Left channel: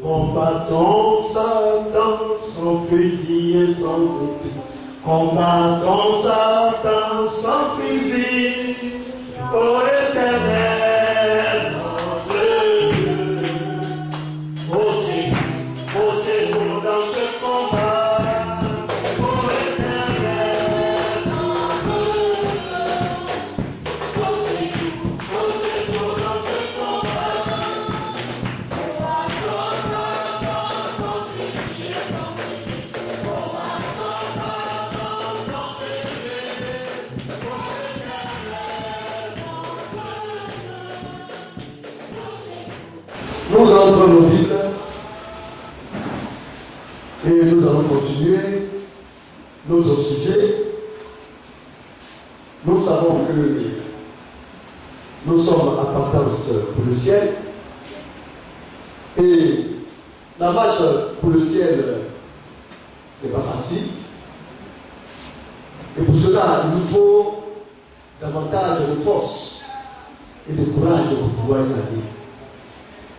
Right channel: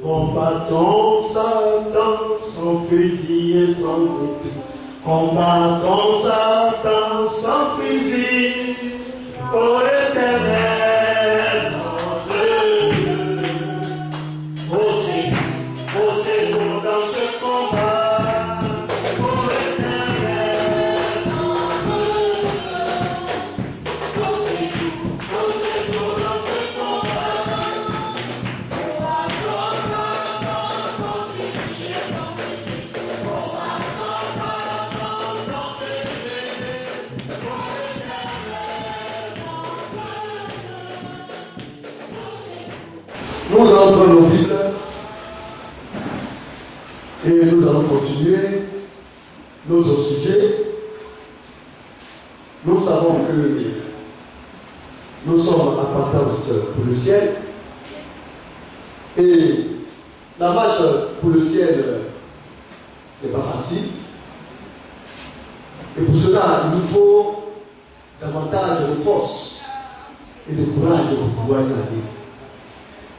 Combattons Satan sans fusil et sans épée. Combattons Satan sans fusil. Ô Éternel, notre Dieu. Poussez-nous dans ce combat. Ô Éternel, notre Dieu. Poussez-nous dans ce combat. Nous allons prendre nos Bibles et nous allons continuer notre sujet. Nous savons que nous sommes à partance pour le ciel et la marche pour le ciel n'est pas facile. Et pour cela, il nous faut davantage de force et de courage pour pouvoir y aller.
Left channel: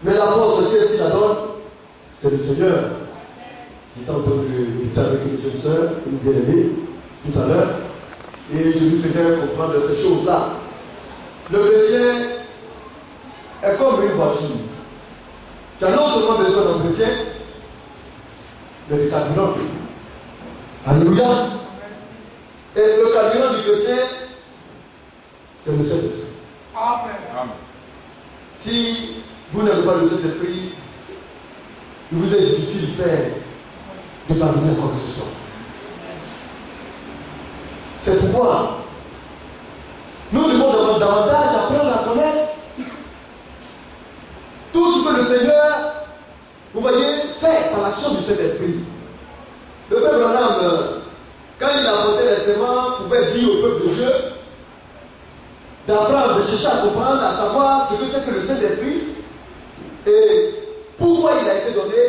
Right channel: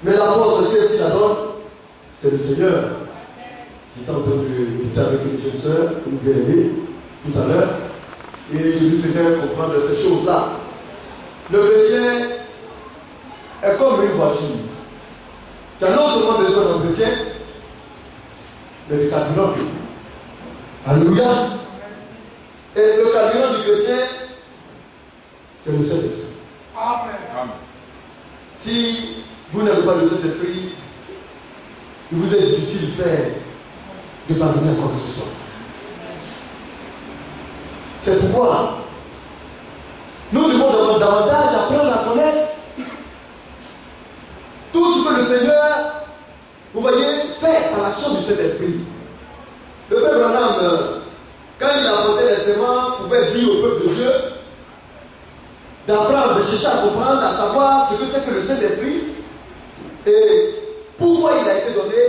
Mais la force, qui est-ce la donne? C'est le Seigneur qui est en train de lutter avec une jeune sœur, une bien-aimée, tout à l'heure. Et je lui faisais comprendre ces choses-là. Le chrétien est comme une voiture. Tu as non seulement besoin d'entretien, mais de carburant. Alléluia. Et le carburant du chrétien, c'est le Saint-Esprit. Amen. Si vous n'avez pas le Saint-Esprit, il vous est difficile de parvenir à quoi que ce soit. C'est pourquoi nous devons davantage apprendre à connaître tout ce que le Seigneur, vous voyez, fait par l'action du Saint-Esprit. Le frère Branham, quand il a apporté les serments, pouvait dire au peuple de Dieu d'apprendre, de chercher à comprendre, à savoir ce que c'est que le Saint-Esprit et pourquoi il a été donné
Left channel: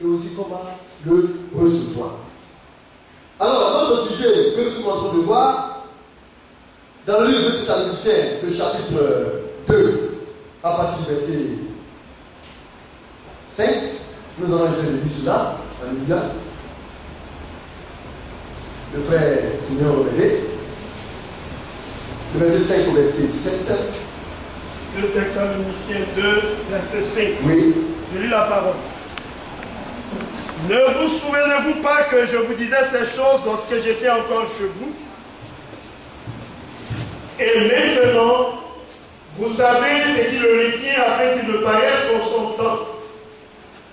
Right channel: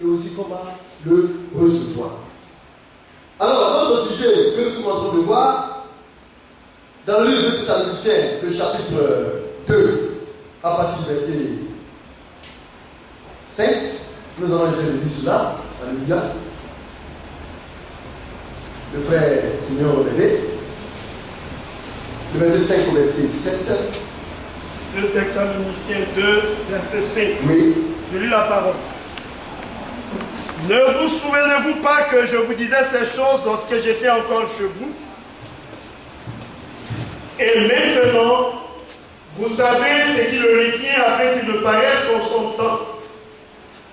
et aussi comment le recevoir. Alors, notre sujet que nous sommes en train de voir, dans le livre de Thessaloniciens, le chapitre 2, à partir du verset 5, nous allons essayer de lire cela. Alléluia. Le frère Seigneur m'aider. Le verset 5 au verset 7. 2 Thessaloniciens 2, verset 5. Oui. Je lis la parole. Ne vous souvenez-vous pas que je vous disais ces choses lorsque j'étais encore chez vous? Et maintenant, vous savez ce qui le retient afin qu'il ne paraisse qu'en son temps.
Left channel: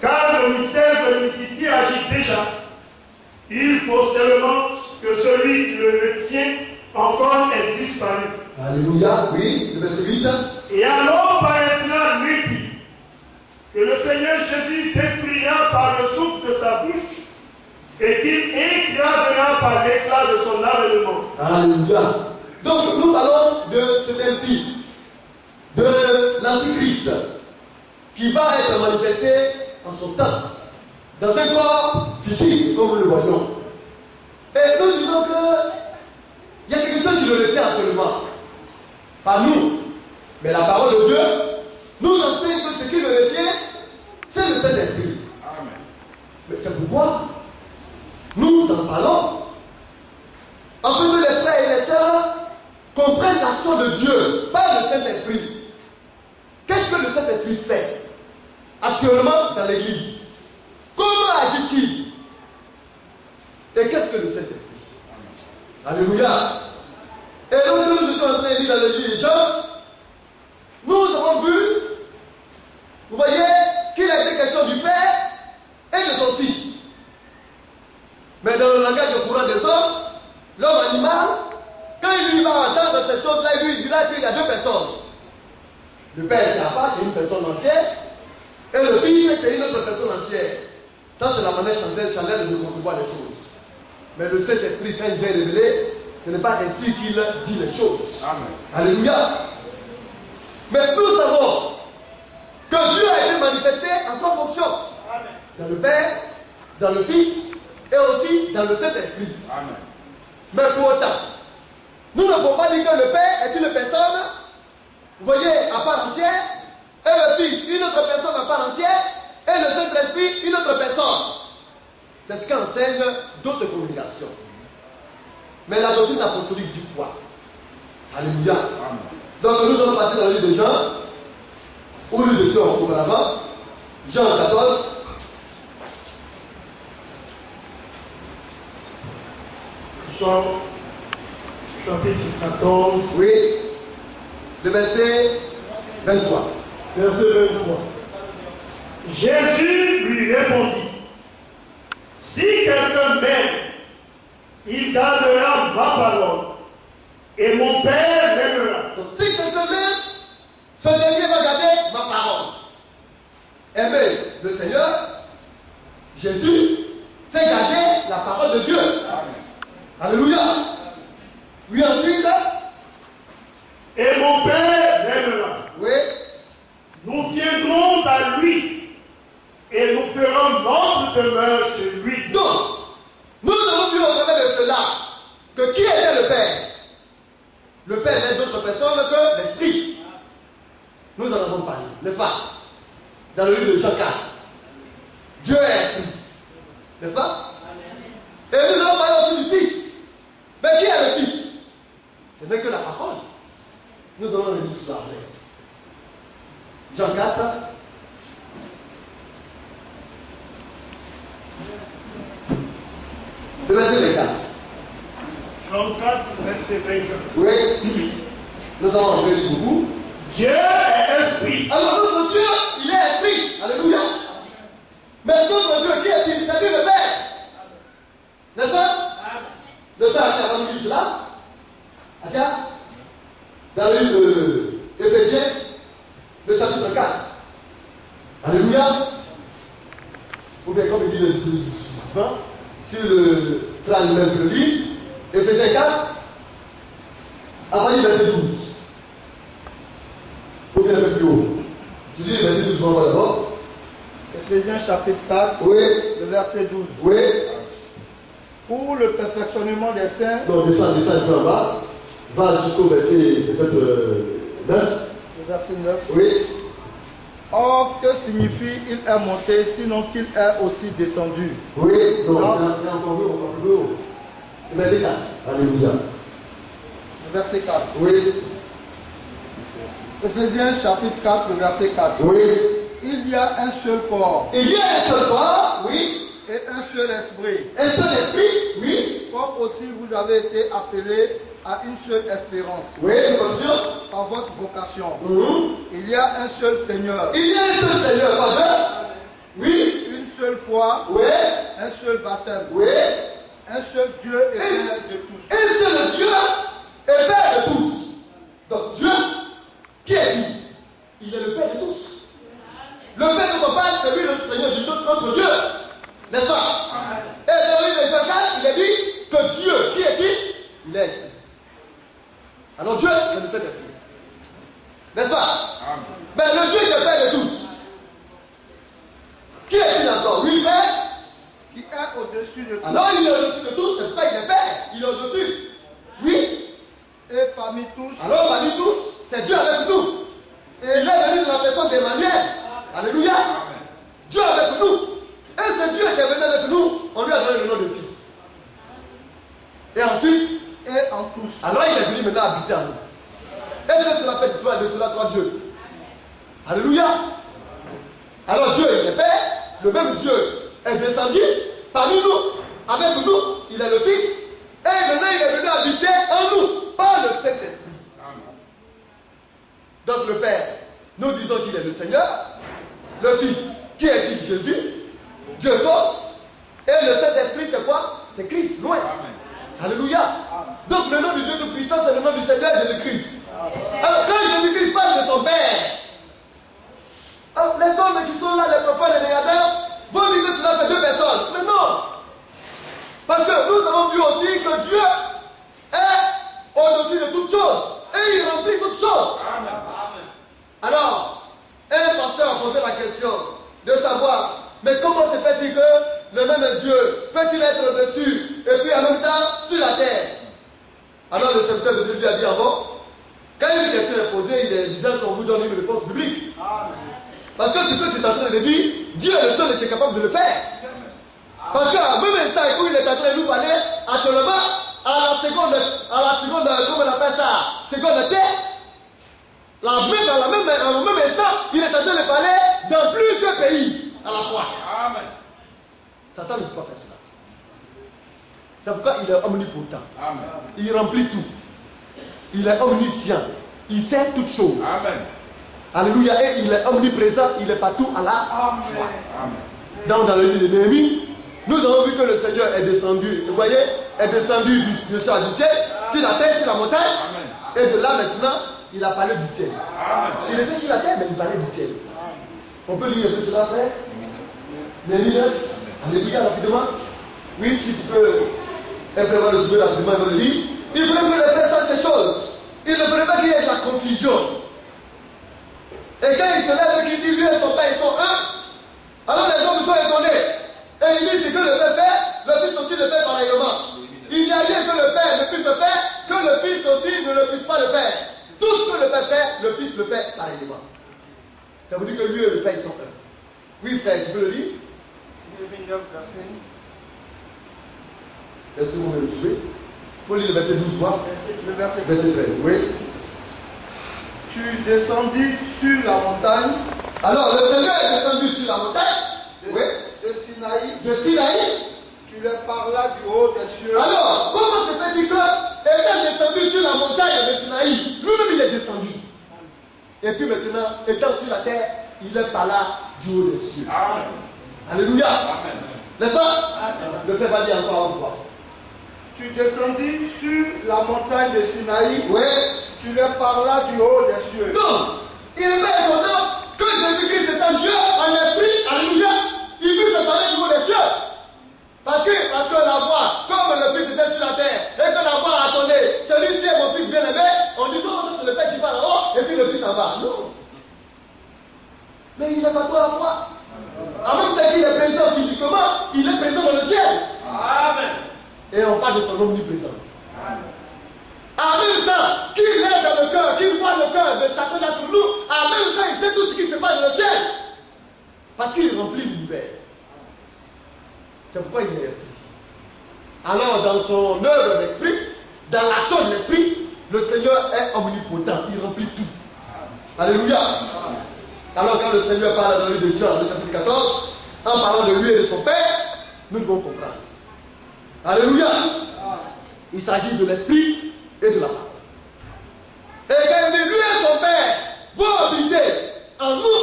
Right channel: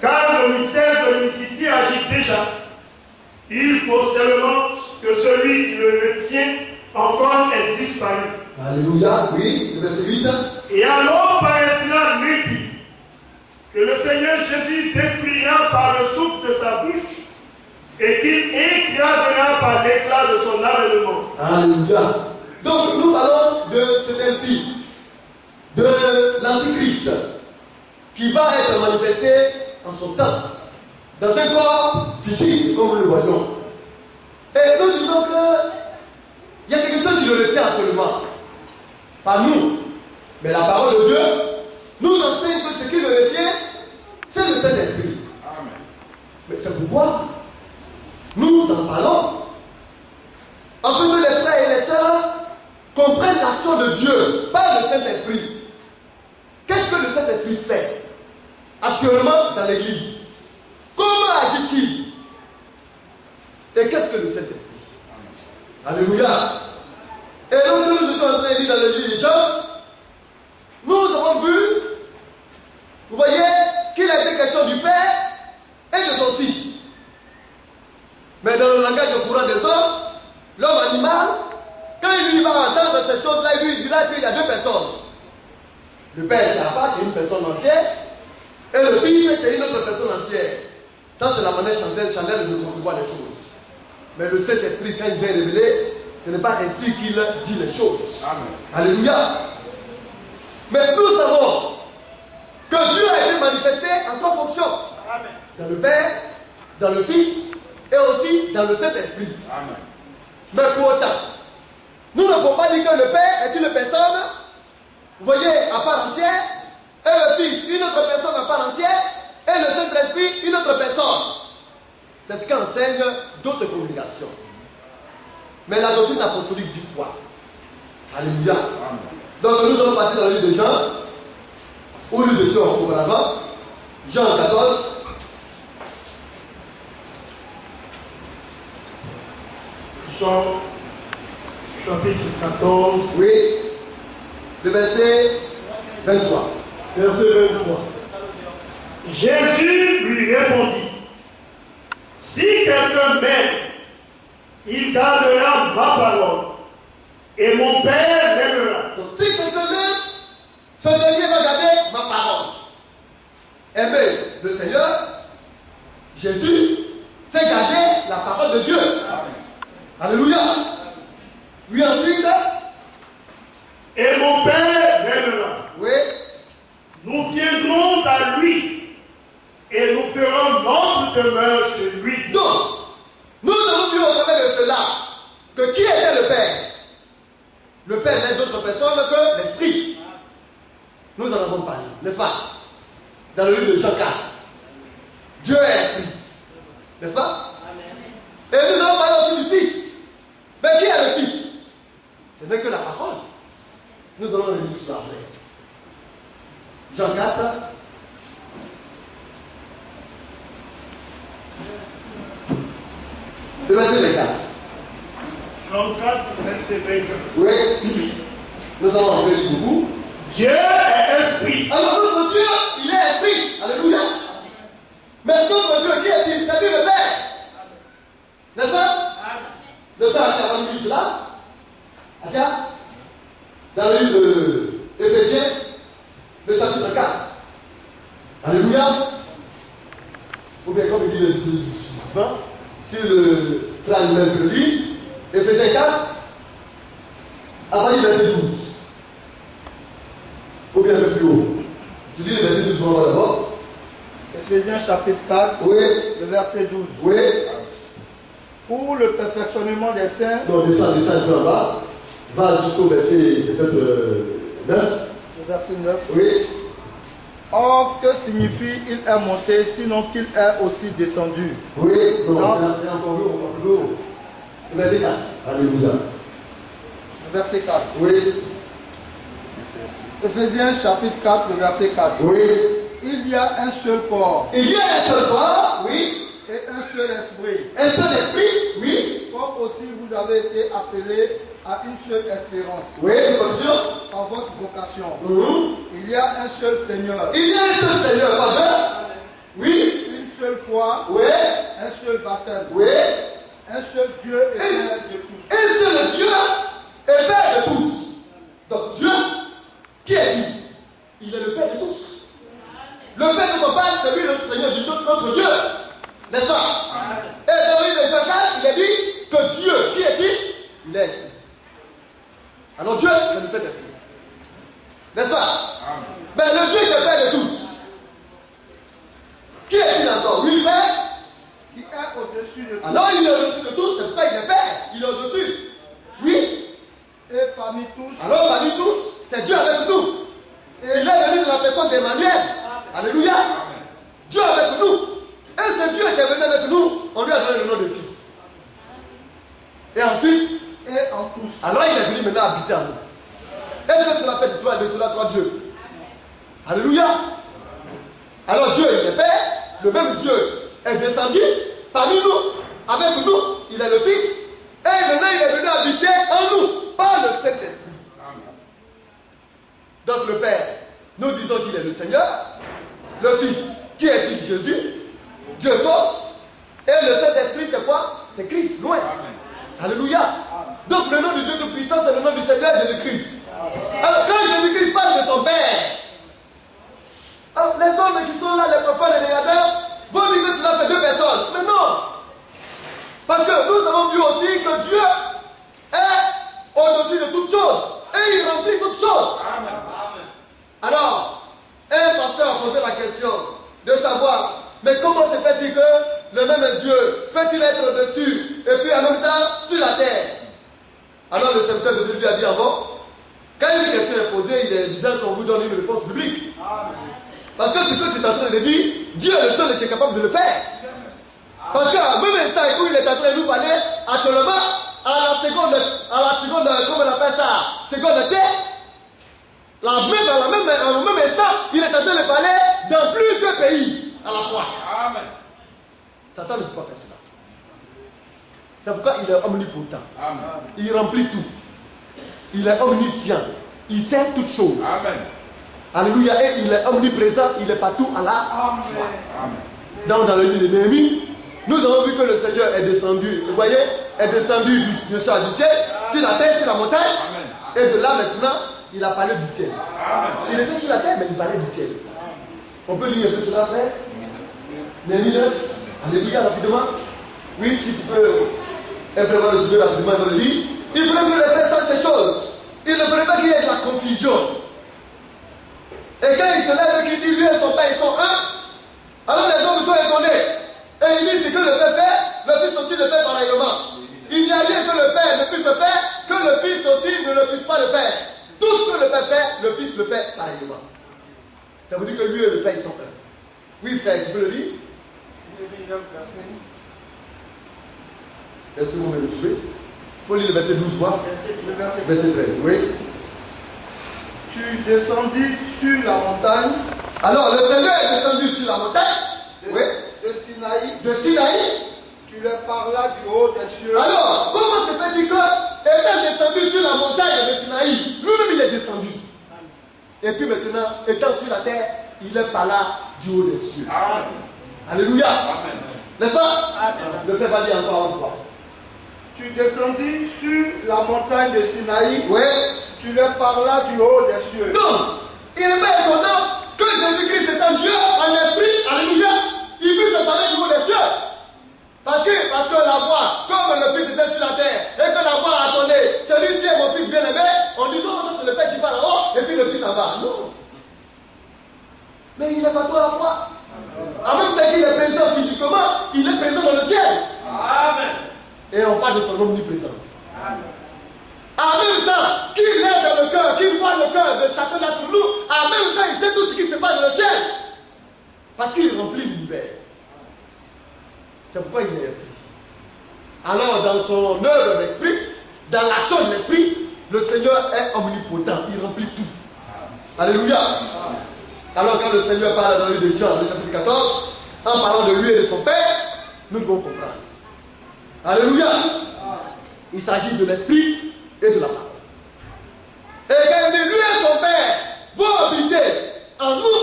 Car le mystère de l'iniquité agit déjà. Il faut seulement que celui qui le retient encore ait disparu. Alléluia, oui, le verset 8. Et alors paraîtra lui que le Seigneur Jésus détruira par le souffle de sa bouche et qu'il écrasera par l'éclat de son avènement. Alléluia. Donc nous parlons de cet impie, de l'Antichrist, qui va être manifesté en son temps, dans un corps physique, comme nous le voyons. Et nous disons qu'il y a quelque chose qui le retient absolument. Pas nous, mais la parole de Dieu nous enseigne que ce qui le retient, c'est le Saint-Esprit. Amen. Mais c'est pourquoi nous en parlons. Afin que les frères et les sœurs comprennent l'action de Dieu par le Saint-Esprit. Qu'est-ce que le Saint-Esprit fait actuellement dans l'Église? Comment agit-il? Et qu'est-ce que le Saint-Esprit? Alléluia. Et lorsque nous étions en train de lire dans l'Église de Jean, nous avons vu, vous voyez, qu'il a été question du Père et de son Fils. Mais dans le langage courant des hommes, l'homme animal, quand il lui va entendre ces choses-là, il lui dira qu'il y a deux personnes. Le Père qui est à part, qui est une personne entière, et le Fils qui est une autre personne entière. Ça, c'est la manière chandelle de concevoir les choses. Mais le Saint-Esprit, quand il vient révéler, ce n'est pas ainsi qu'il dit les choses. Amen. Alléluia. Mais nous savons que Dieu a été manifesté en trois fonctions. Amen. Dans le Père, dans le Fils et aussi dans le Saint-Esprit. Amen. Mais pour autant, nous ne pouvons pas dire que le Père est une personne, vous voyez, à part entière, et le Fils, une autre personne à part entière, et le Saint-Esprit C'est ce qu'enseignent d'autres congrégations. Mais la doctrine apostolique dit quoi? Alléluia. Donc nous allons partir dans le livre de Jean, où nous étions auparavant. Jean 14. Jean, chapitre 14. Oui. Le verset 23. Verset 23. Jésus lui répondit, si quelqu'un m'aime, il gardera ma parole, et mon Père l'aimera. Donc si quelqu'un m'aime, ce dernier va garder ma parole. Aimer le Seigneur, Jésus, c'est garder la parole de Dieu. Alléluia. Oui, ensuite. Et mon Père l'aimera. Oui. Nous viendrons à lui et nous ferons notre demeure chez lui. Donc, nous avons vu au travers de cela que qui était le Père? Le Père n'est d'autre personne que l'Esprit. Nous en avons parlé, n'est-ce pas? Dans le livre de Jean 4. Dieu est Esprit. N'est-ce pas? Et nous avons parlé aussi du Fils. Mais qui est le Fils? Ce n'est que la parole. Nous allons le lire sur la vraie. Jean 4. Le verset 24. Jean 4, verset 24. Oui, nous allons en faire beaucoup. Dieu est esprit. Alors notre Dieu, il est esprit. Alléluia. Mais notre Dieu, qui est-il? C'est lui le Père. N'est-ce pas? Le Père a dit cela. Tiens, dans le livre d'Éphésiens, le chapitre 4. Alléluia. Ou bien comme il dit le suivant, sur le frère même que le lit, Éphésiens 4, à partir du verset 12. Ou bien un peu plus haut. Tu dis le verset 12 d'abord. Éphésiens chapitre 4, Oui. le verset 12. Oui. Pour le perfectionnement des saints. Non, descends un peu en bas. Va jusqu'au verset peut-être 9. Le verset 9. Oui. Or, que signifie il est monté, sinon qu'il est aussi descendu? Oui. Non, Non. c'est encore plus haut. Le verset 4. Alléluia. Le verset 4. Oui. Éphésiens chapitre 4, le verset 4. Oui. Il y a un seul corps Il y a un seul corps, oui. et un seul esprit. Un seul esprit, oui. Comme aussi vous avez été appelés à une seule espérance Oui, continue. par votre vocation. Mhm. Il y a un seul Seigneur, Il y a un seul Seigneur, pas deux. Oui. une seule foi, Oui. un seul baptême, Oui. un seul Dieu et Père de tous. Un seul Dieu et Père de tous. Donc Dieu, qui est-il? Il est le Père de tous. Le Père de ton Père, c'est lui notre Seigneur, notre Dieu. N'est-ce pas? Et dans le livre de Jean 4, il est dit que Dieu, qui est-il? Il est esprit. Alors Dieu, c'est le Saint-Esprit. N'est-ce pas? Mais le Dieu qui est Père de tous. Qui est-il encore? Lui, Père. Qui est au-dessus de tout. Alors il est au-dessus de tous, c'est pourquoi il est Père. Il est au-dessus. Oui. Et parmi tous, Alors parmi tous, c'est Dieu avec nous. Et il est venu de la personne d'Emmanuel. Alléluia. Dieu avec nous. Et ce Dieu qui est venu avec nous, on lui a donné le nom de Fils. Et ensuite, et en tous. alors il est venu maintenant habiter en nous. Est-ce que cela fait de toi, de cela, toi Dieu? Alléluia. Alors Dieu, il est Père. Le même Dieu est descendu parmi nous, avec nous. Il est le Fils. Et maintenant il est venu habiter en nous par le Saint-Esprit. Donc le Père, nous disons qu'il est le Seigneur. Le Fils, qui est-il? Jésus. Dieu saute. Et le Saint-Esprit, c'est quoi? C'est Christ, loin. Alléluia. Donc le nom du Dieu Tout-Puissant, c'est le nom du Seigneur Jésus-Christ. Alors quand Jésus-Christ parle de son Père, alors, les hommes qui sont là, les prophètes et les regardeurs, vont dire que cela fait deux personnes. Mais non. Parce que nous avons vu aussi que Dieu est au-dessus de toutes choses. Et il remplit toutes choses. Amen. Alors, un pasteur a posé la question de savoir, mais comment se fait-il que le même Dieu peut-il être au-dessus et puis en même temps sur la terre? Alors le serviteur de Dieu lui a dit, ah bon, quand une question est posée, il est évident qu'on vous donne une réponse biblique. Parce que ce que tu es en train de dire, Dieu est le seul qui est capable de le faire. Parce qu'à même instant où il est en train de nous parler, actuellement, à la seconde, comment on appelle ça, seconde T, dans le même instant, il est en train de parler dans plusieurs pays à la fois. Amen. Satan ne peut pas faire cela. C'est pourquoi il est omnipotent. Amen. Il remplit tout. Il est omniscient. Il sait toutes choses. Amen. Alléluia. Et il est omniprésent. Il est partout à la fois. Dans le livre de Néhémie, nous avons vu que le Seigneur est descendu. Vous voyez, est descendu du ciel, sur la terre, sur la montagne. Amen. Et de là maintenant, il a parlé du ciel. Amen. Il était sur la terre, mais il parlait du ciel. On peut lire un peu cela, frère. Néhémie 9. Alléluia, rapidement. Oui, si tu peux. Vraiment le trouver rapidement dans le livre. Il voulait que les frères sachent ces choses. Il ne voulait pas qu'il y ait de la confusion. Et quand il se lève et qu'il dit lui et son père ils sont un, alors les hommes sont étonnés. Et il dit ce que le père fait, le fils aussi le fait pareillement. Il n'y a rien que le père ne puisse faire, que le fils aussi ne le puisse pas le faire. Tout ce que le père fait, le fils le fait pareillement. Ça veut dire que lui et le père ils sont un. Oui frère, tu peux le lire? Est-ce que vous me le trouvez? Il faut lire le verset 12, quoi? Verset 13, oui. Tu descendis sur la montagne. Alors, le Seigneur est descendu sur la montagne De Sinaï. de Sinaï. Tu leur parlas du haut des cieux. Alors, comment se fait-il que, étant descendu sur la montagne de Sinaï, lui-même il est descendu? Et puis maintenant, étant sur la terre, il est par là du haut des cieux. Amen. Alléluia. Amen. N'est-ce pas? Ne fais pas dire encore une fois. Tu descendis sur la montagne de Sinaï. Oui. Tu leur parlas du haut des cieux. Donc, il est pas étonnant que Jésus-Christ est un Dieu, en esprit, alléluia, il puisse parler du haut des cieux. Parce que la voix, comme le Fils était sur la terre, et que la voix a entendu, celui-ci est mon Fils bien-aimé, on dit non, ça c'est le Père qui parle en haut, et puis le Fils en bas. Non. Mais il est partout à la fois. En même temps qu'il est présent physiquement, il est présent dans le ciel. Amen. Et on parle de son omniprésence. En même temps qu'il est dans le cœur, qu'il voit le cœur de chacun d'entre nous, en même temps il sait tout ce qui se passe dans le ciel. Parce qu'il remplit l'univers. C'est pourquoi il est esprit. Alors dans son œuvre d'esprit, dans l'action de l'esprit, le Seigneur est omnipotent, il remplit tout. Alléluia. Alors quand le Seigneur parle dans le livre de Jean, le chapitre 14, en parlant de lui et de son Père, nous devons comprendre. Alléluia. Il s'agit de l'esprit et de la parole. Et quand il dit lui et son Père vont habiter en nous,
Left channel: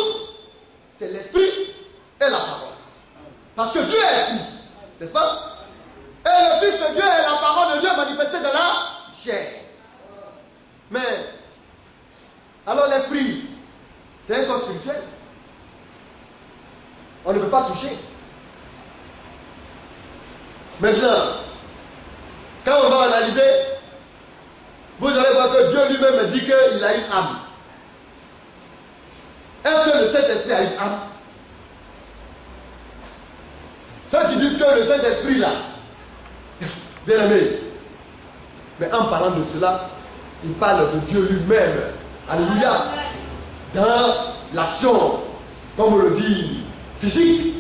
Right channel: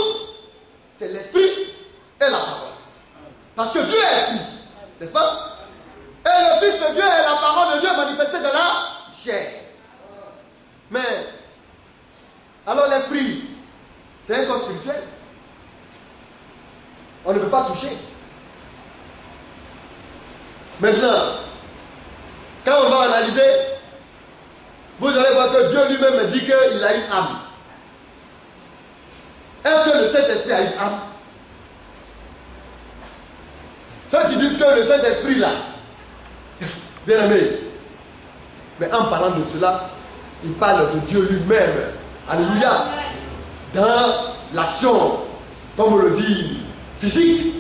c'est l'esprit et la parole. Parce que Dieu est esprit, n'est-ce pas? Et le Fils de Dieu est la parole de Dieu manifestée dans la chair. Mais, alors l'esprit, c'est un corps spirituel. On ne peut pas toucher. Maintenant, quand on va analyser, vous allez voir que Dieu lui-même dit qu'il a une âme. Est-ce que le Saint-Esprit a une âme? Ceux qui disent que le Saint-Esprit là, bien aimé, mais en parlant de cela, il parle de Dieu lui-même. Alléluia. Dans l'action, comme on le dit, physique.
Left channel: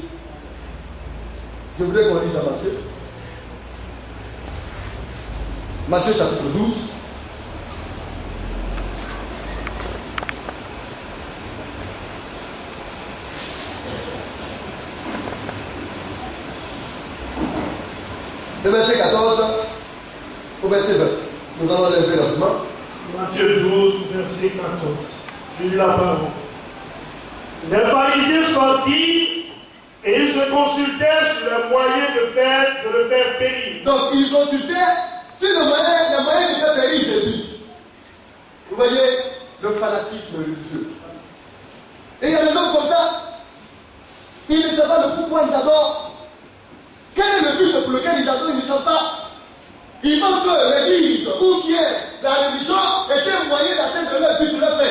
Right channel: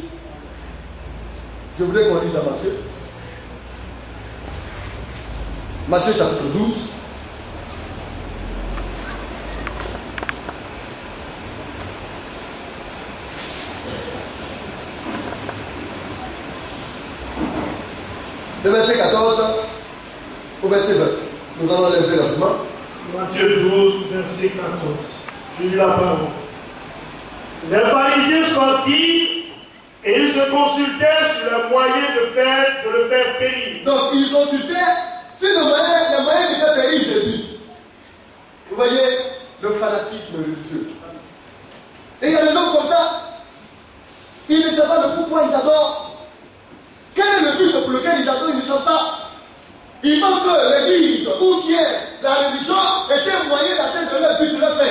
Je voudrais qu'on lise dans Matthieu. Matthieu chapitre 12. Le verset 14 au verset 20. Nous allons l'élever rapidement. Matthieu 12, verset 14. Je lis la parole. Les pharisiens sortirent et ils se consultaient sur le moyen de le faire périr. Donc ils consultaient sur le moyen de faire périr Jésus. Vous voyez le fanatisme religieux. Et il y a des hommes comme ça. Ils ne savent pas de pourquoi ils adorent. Quel est le but pour lequel ils adorent? Ils ne savent pas. Ils pensent que l'église ou bien la religion est un moyen d'atteindre leur but, leur fin.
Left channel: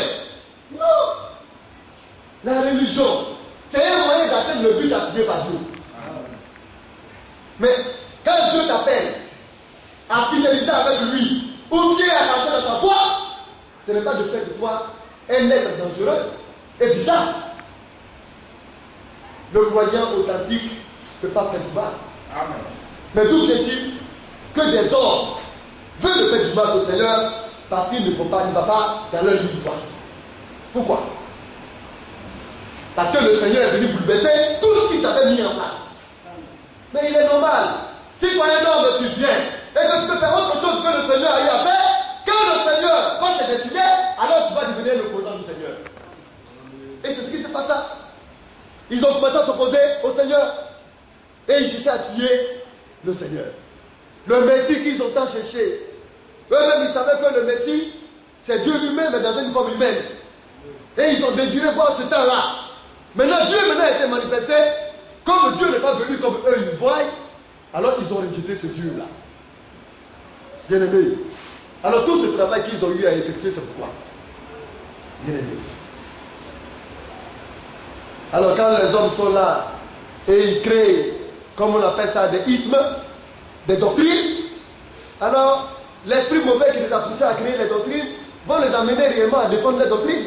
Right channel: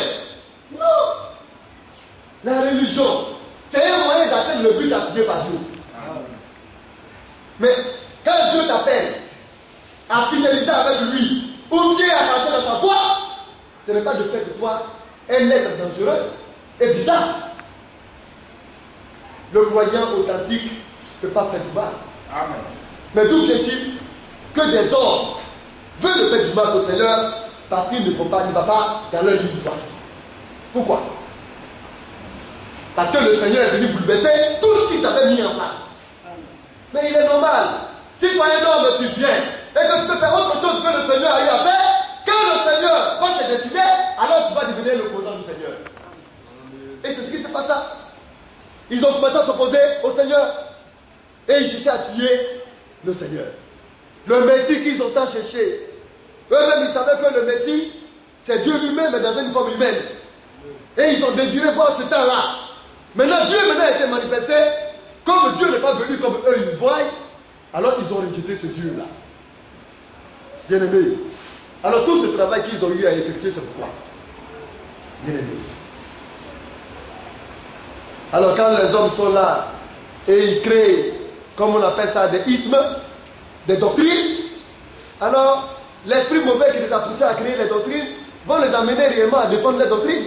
Non. La religion, c'est un moyen d'atteindre le but assigné par Dieu. Mais quand Dieu t'appelle à fidéliser avec lui, ou bien à marcher dans sa foi, ce n'est pas de faire de toi un être dangereux et bizarre. Le croyant authentique ne peut pas faire du mal. Amen. Mais d'où vient-il que des hommes veulent faire du mal au Seigneur parce qu'ils ne vont pas, ne va pas dans leur ligne droite? Pourquoi? Parce que le Seigneur est venu bouleverser tout ce qu'ils avaient mis en place. Mais il est normal. Si toi un homme tu viens et que tu peux faire autre chose que le Seigneur a eu à faire, quand le Seigneur va se décider, alors tu vas devenir l'opposant du Seigneur. Et c'est ce qui s'est passé. Ils ont commencé à s'opposer au Seigneur. Et ils cherchaient à tuer le Seigneur. Le Messie qu'ils ont tant cherché. Eux-mêmes, ils savaient que le Messie, c'est Dieu lui-même, mais dans une forme humaine. Et ils ont désiré voir ce temps-là. Maintenant, Dieu a été manifesté. Comme Dieu n'est pas venu comme eux, ils voient. Alors, ils ont rejeté ce Dieu-là. Bien-aimés. Alors, tout ce travail qu'ils ont eu à effectuer, c'est pourquoi? Bien-aimés. Alors, quand les hommes sont là et ils créent, comme on appelle ça, des ismes, des doctrines, alors l'esprit mauvais qui les a poussés à créer les doctrines vont les amener réellement à défendre les doctrines.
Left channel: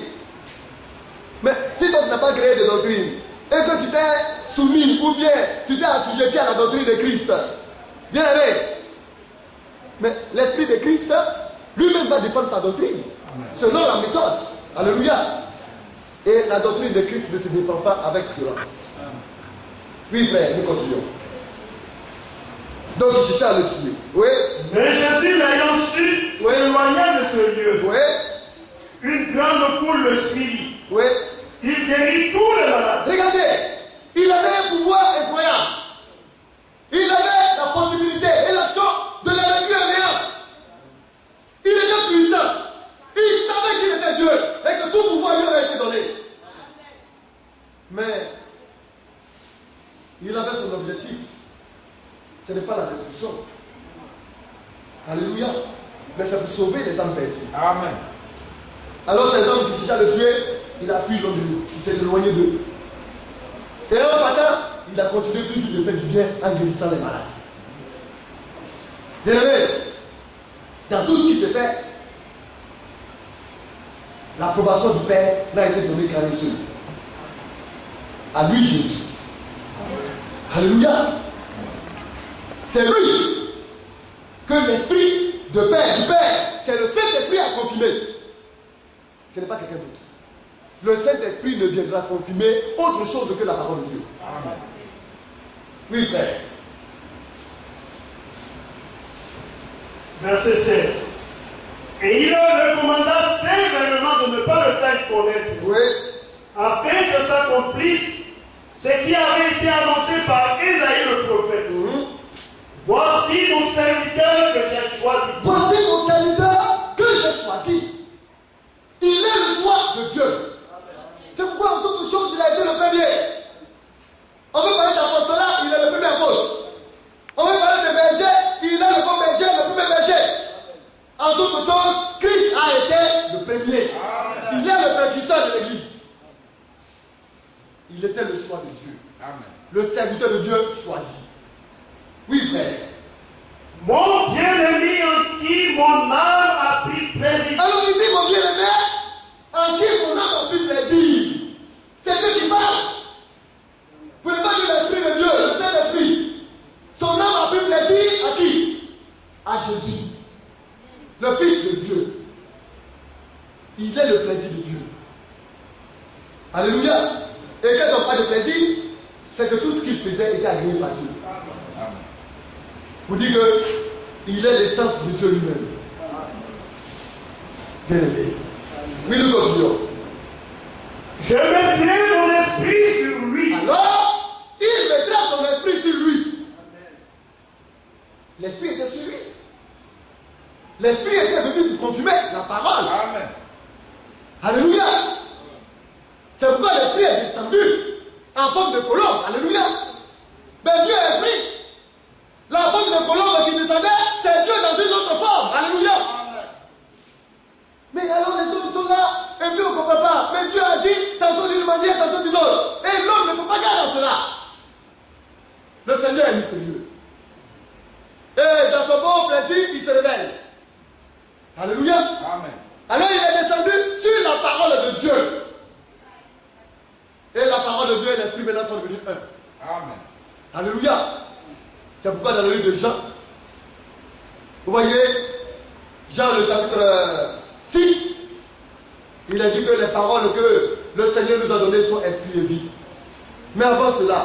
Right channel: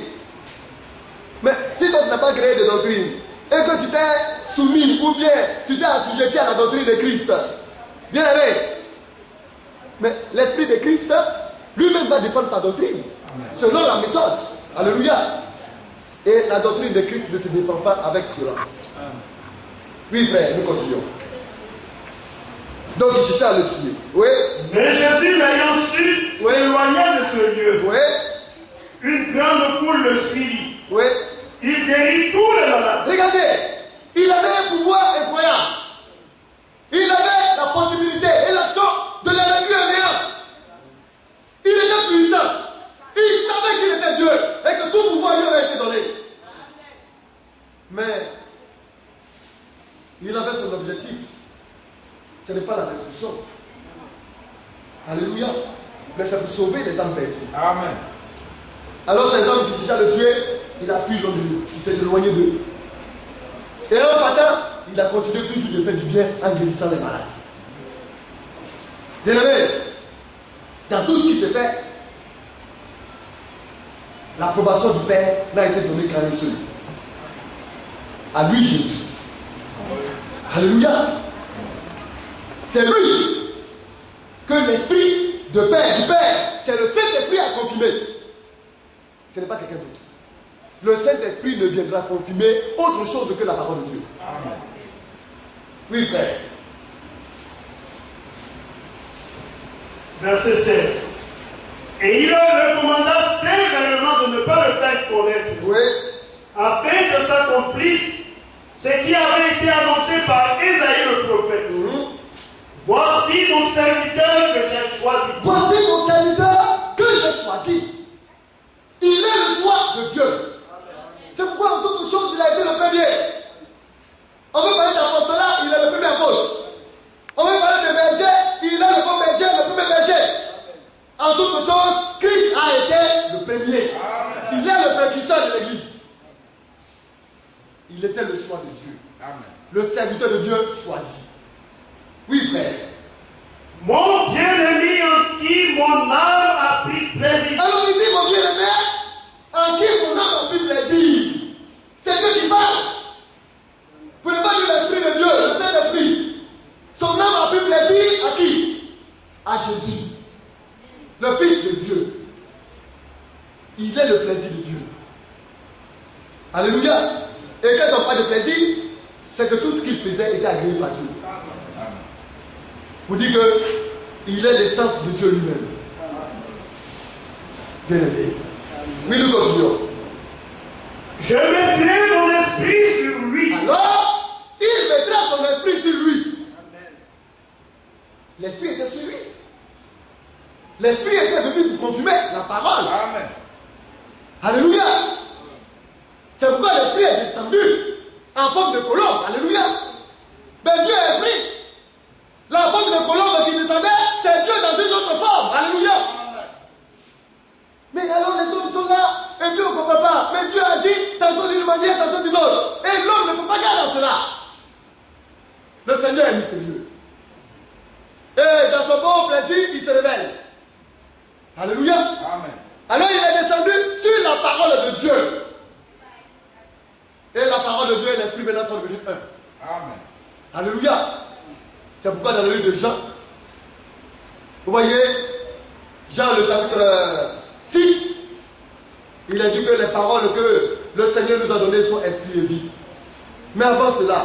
Mais si toi tu n'as pas créé de doctrine et que tu t'es soumis ou bien tu t'es assujetti à la doctrine de Christ, bien aimé, mais l'esprit de Christ lui-même va défendre sa doctrine. Amen. Selon la méthode. Alléluia. Et la doctrine de Christ ne se défend pas avec violence. Oui, frère, nous continuons. Donc, il cherchait à le tuer. Oui. Mais Jésus, l'ayant su, s'éloigna de ce lieu. Oui. Une grande foule le suivit. Oui. Il guérit tous les malades. Regardez, il avait un pouvoir incroyable. Il avait la possibilité et l'action de les réduire à néant. Il était puissant. Il savait qu'il était Dieu et que tout pouvoir lui avait été donné. Mais il avait son objectif. Ce n'est pas la destruction. Alléluia. Mais c'est pour sauver les âmes perdues. Amen. Alors ces hommes qui cherchaient à le tuer, il a fui l'homme de lui. Il s'est éloigné d'eux. Et un matin, il a continué toujours de faire du bien en guérissant les malades. Bien aimé, dans tout ce qui s'est fait, l'approbation du Père n'a été donnée qu'à un seul. À lui Jésus. Alléluia. C'est lui que l'esprit du Père, c'est le Saint-Esprit a confirmé. Ce n'est pas quelqu'un d'autre. Le Saint-Esprit ne viendra confirmer autre chose que la parole de Dieu. Amen. Oui, frère. Verset 16. Et il leur recommanda sévèrement de ne pas le faire connaître. Oui. Afin que s'accomplisse ce qui avait été annoncé par Ésaïe le prophète. Voici mon serviteur que j'ai choisi. Voici mon serviteur que j'ai choisi. Il est le choix de Dieu. C'est pourquoi en toutes choses il a été le premier. On veut parler d'apostolat, il est le premier apôtre. On veut parler de berger, il est le bon berger, le premier berger. En toutes choses, Christ a été le premier. Il est le précurseur de l'Église. Il était le choix de Dieu. Amen. Le serviteur de Dieu choisi. Oui, frère. Mon bien-aimé en qui mon âme a pris plaisir. Alors il dit mon bien-aimé en qui mon âme a pris plaisir. C'est Dieu qui parle. Vous pouvez pas dire l'Esprit de Dieu, le Saint-Esprit. Son âme a pris plaisir à qui? À Jésus. Le Fils de Dieu. Il est le plaisir de Dieu. Alléluia. Et quand on parle de plaisir, c'est que tout ce qu'il faisait était agréé par Dieu. Vous dites qu'il est l'essence de Dieu lui-même. Bien aimé. Oui, nous continuons. Je mettrai mon esprit sur lui. Alors, il mettra son esprit sur lui. L'esprit était sur lui. L'esprit était venu pour confirmer la parole. Amen. Alléluia. C'est pourquoi l'esprit est descendu en forme de colombe. Alléluia. Mais Dieu est esprit. La forme de colombe qui descendait, c'est Dieu dans une autre forme. Alléluia. Mais alors les hommes sont là, et puis on ne comprend pas. Mais Dieu a dit, tantôt d'une manière, tantôt d'une autre. Et l'homme ne peut pas garder cela. Le Seigneur est mystérieux. Et dans son bon plaisir, il se révèle. Alléluia. Amen. Alors il est descendu sur la parole de Dieu. Et la parole de Dieu et l'esprit maintenant sont devenus un. Amen. Alléluia. C'est pourquoi dans le livre de Jean, vous voyez, Jean le chapitre 6, il a dit que les paroles que le Seigneur nous a données sont esprit et vie. Mais avant cela,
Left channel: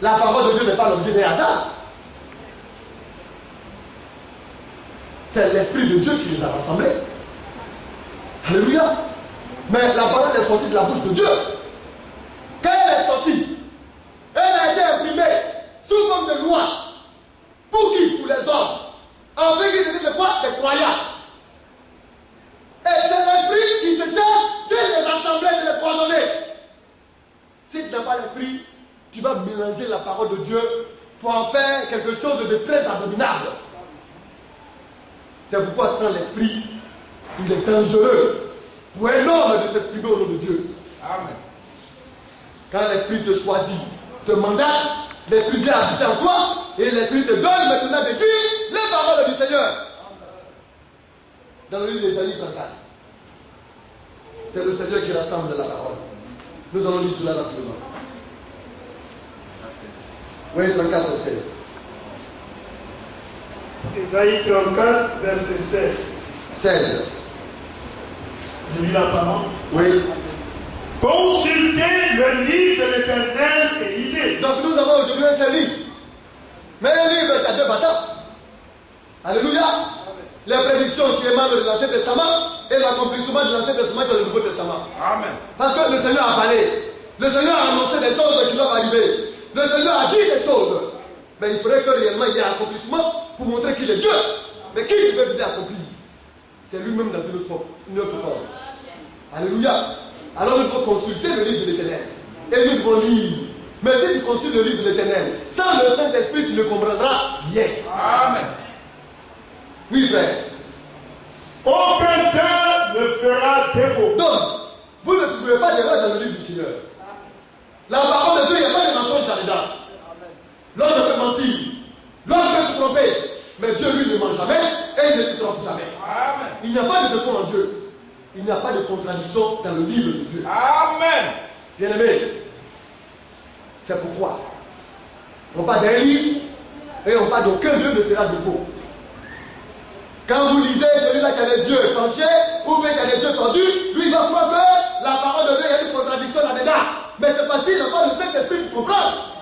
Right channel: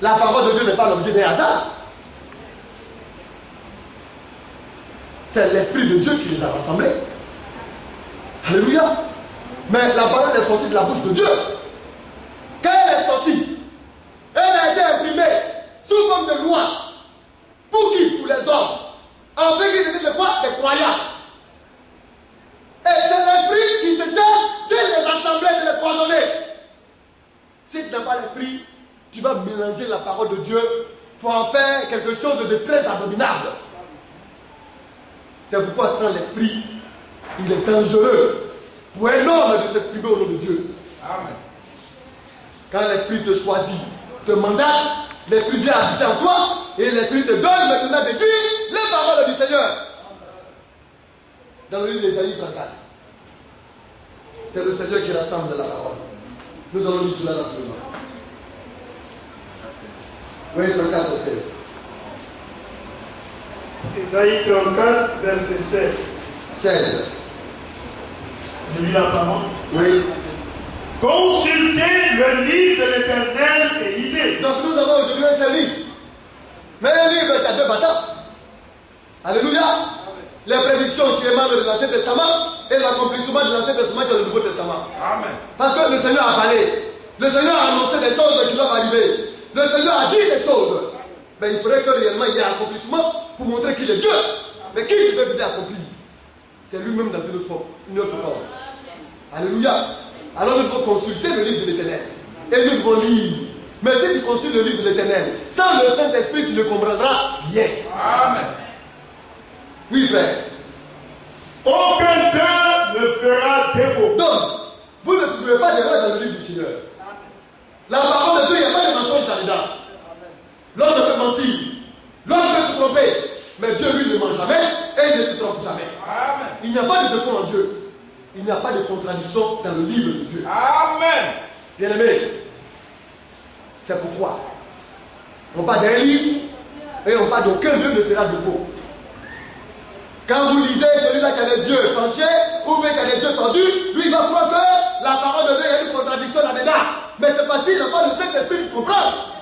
la parole de Dieu n'est pas l'objet d'un hasard. C'est l'Esprit de Dieu qui les a rassemblés. Alléluia. Mais la parole est sortie de la bouche de Dieu. Quand elle est sortie, elle a été imprimée sous forme de loi. Pour qui? Pour les hommes. En fait, ils deviennent quoi? Des croyants. Et c'est l'Esprit qui se charge de les rassembler, de les coordonner. Si tu n'as pas l'Esprit, tu vas mélanger la parole de Dieu pour en faire quelque chose de très abominable. C'est pourquoi sans l'Esprit, il est dangereux pour un homme de s'exprimer au nom de Dieu. Amen. Quand l'Esprit te choisit, te mandate, l'Esprit de Dieu habite en toi et l'Esprit te donne maintenant de dire les paroles du Seigneur. Dans le livre d'Ésaïe 34, c'est le Seigneur qui rassemble la parole. Nous allons lire cela rapidement. Oui, 34, 16. Ésaïe 34, verset 16. 16. Je lis la parole. Oui. Consultez le livre de l'Éternel et lisez. Donc nous avons aujourd'hui un seul livre. Mais un livre qui a deux bâtons. Alléluia. Les prédictions qui émanent de l'Ancien Testament et l'accomplissement de l'Ancien Testament dans le Nouveau Testament. Amen. Parce que le Seigneur a parlé. Le Seigneur a annoncé des choses qui doivent arriver. Le Seigneur a dit des choses. Mais il faudrait que réellement il y ait un accomplissement pour montrer qu'il est Dieu. Mais qui peut venir accomplir? C'est lui-même dans une autre forme. Alléluia. Alors nous devons consulter le livre de l'Éternel. Et nous devons lire. Mais si tu consultes le livre de l'Éternel, sans le Saint-Esprit, tu ne comprendras rien. Amen. Oui, frère. Aucun cœur ne fera défaut. Donc, vous ne trouverez pas d'erreur dans le livre du Seigneur. La parole de Dieu, il n'y a pas de mensonge là-dedans. L'homme peut mentir. L'homme peut se tromper. Mais Dieu, lui, ne ment jamais et il ne se trompe jamais. Amen. Il n'y a pas de défaut en Dieu. Il n'y a pas de contradiction dans le livre de Dieu. Amen. Bien-aimé, c'est pourquoi on parle d'un livre et on parle d'aucun Dieu ne fera défaut. Quand vous lisez celui-là qui a les yeux penchés ou bien qui a les yeux tendus, lui il va croire que la parole de Dieu, il y a une contradiction là-dedans. Mais c'est parce qu'il n'a pas le Saint-Esprit pour comprendre.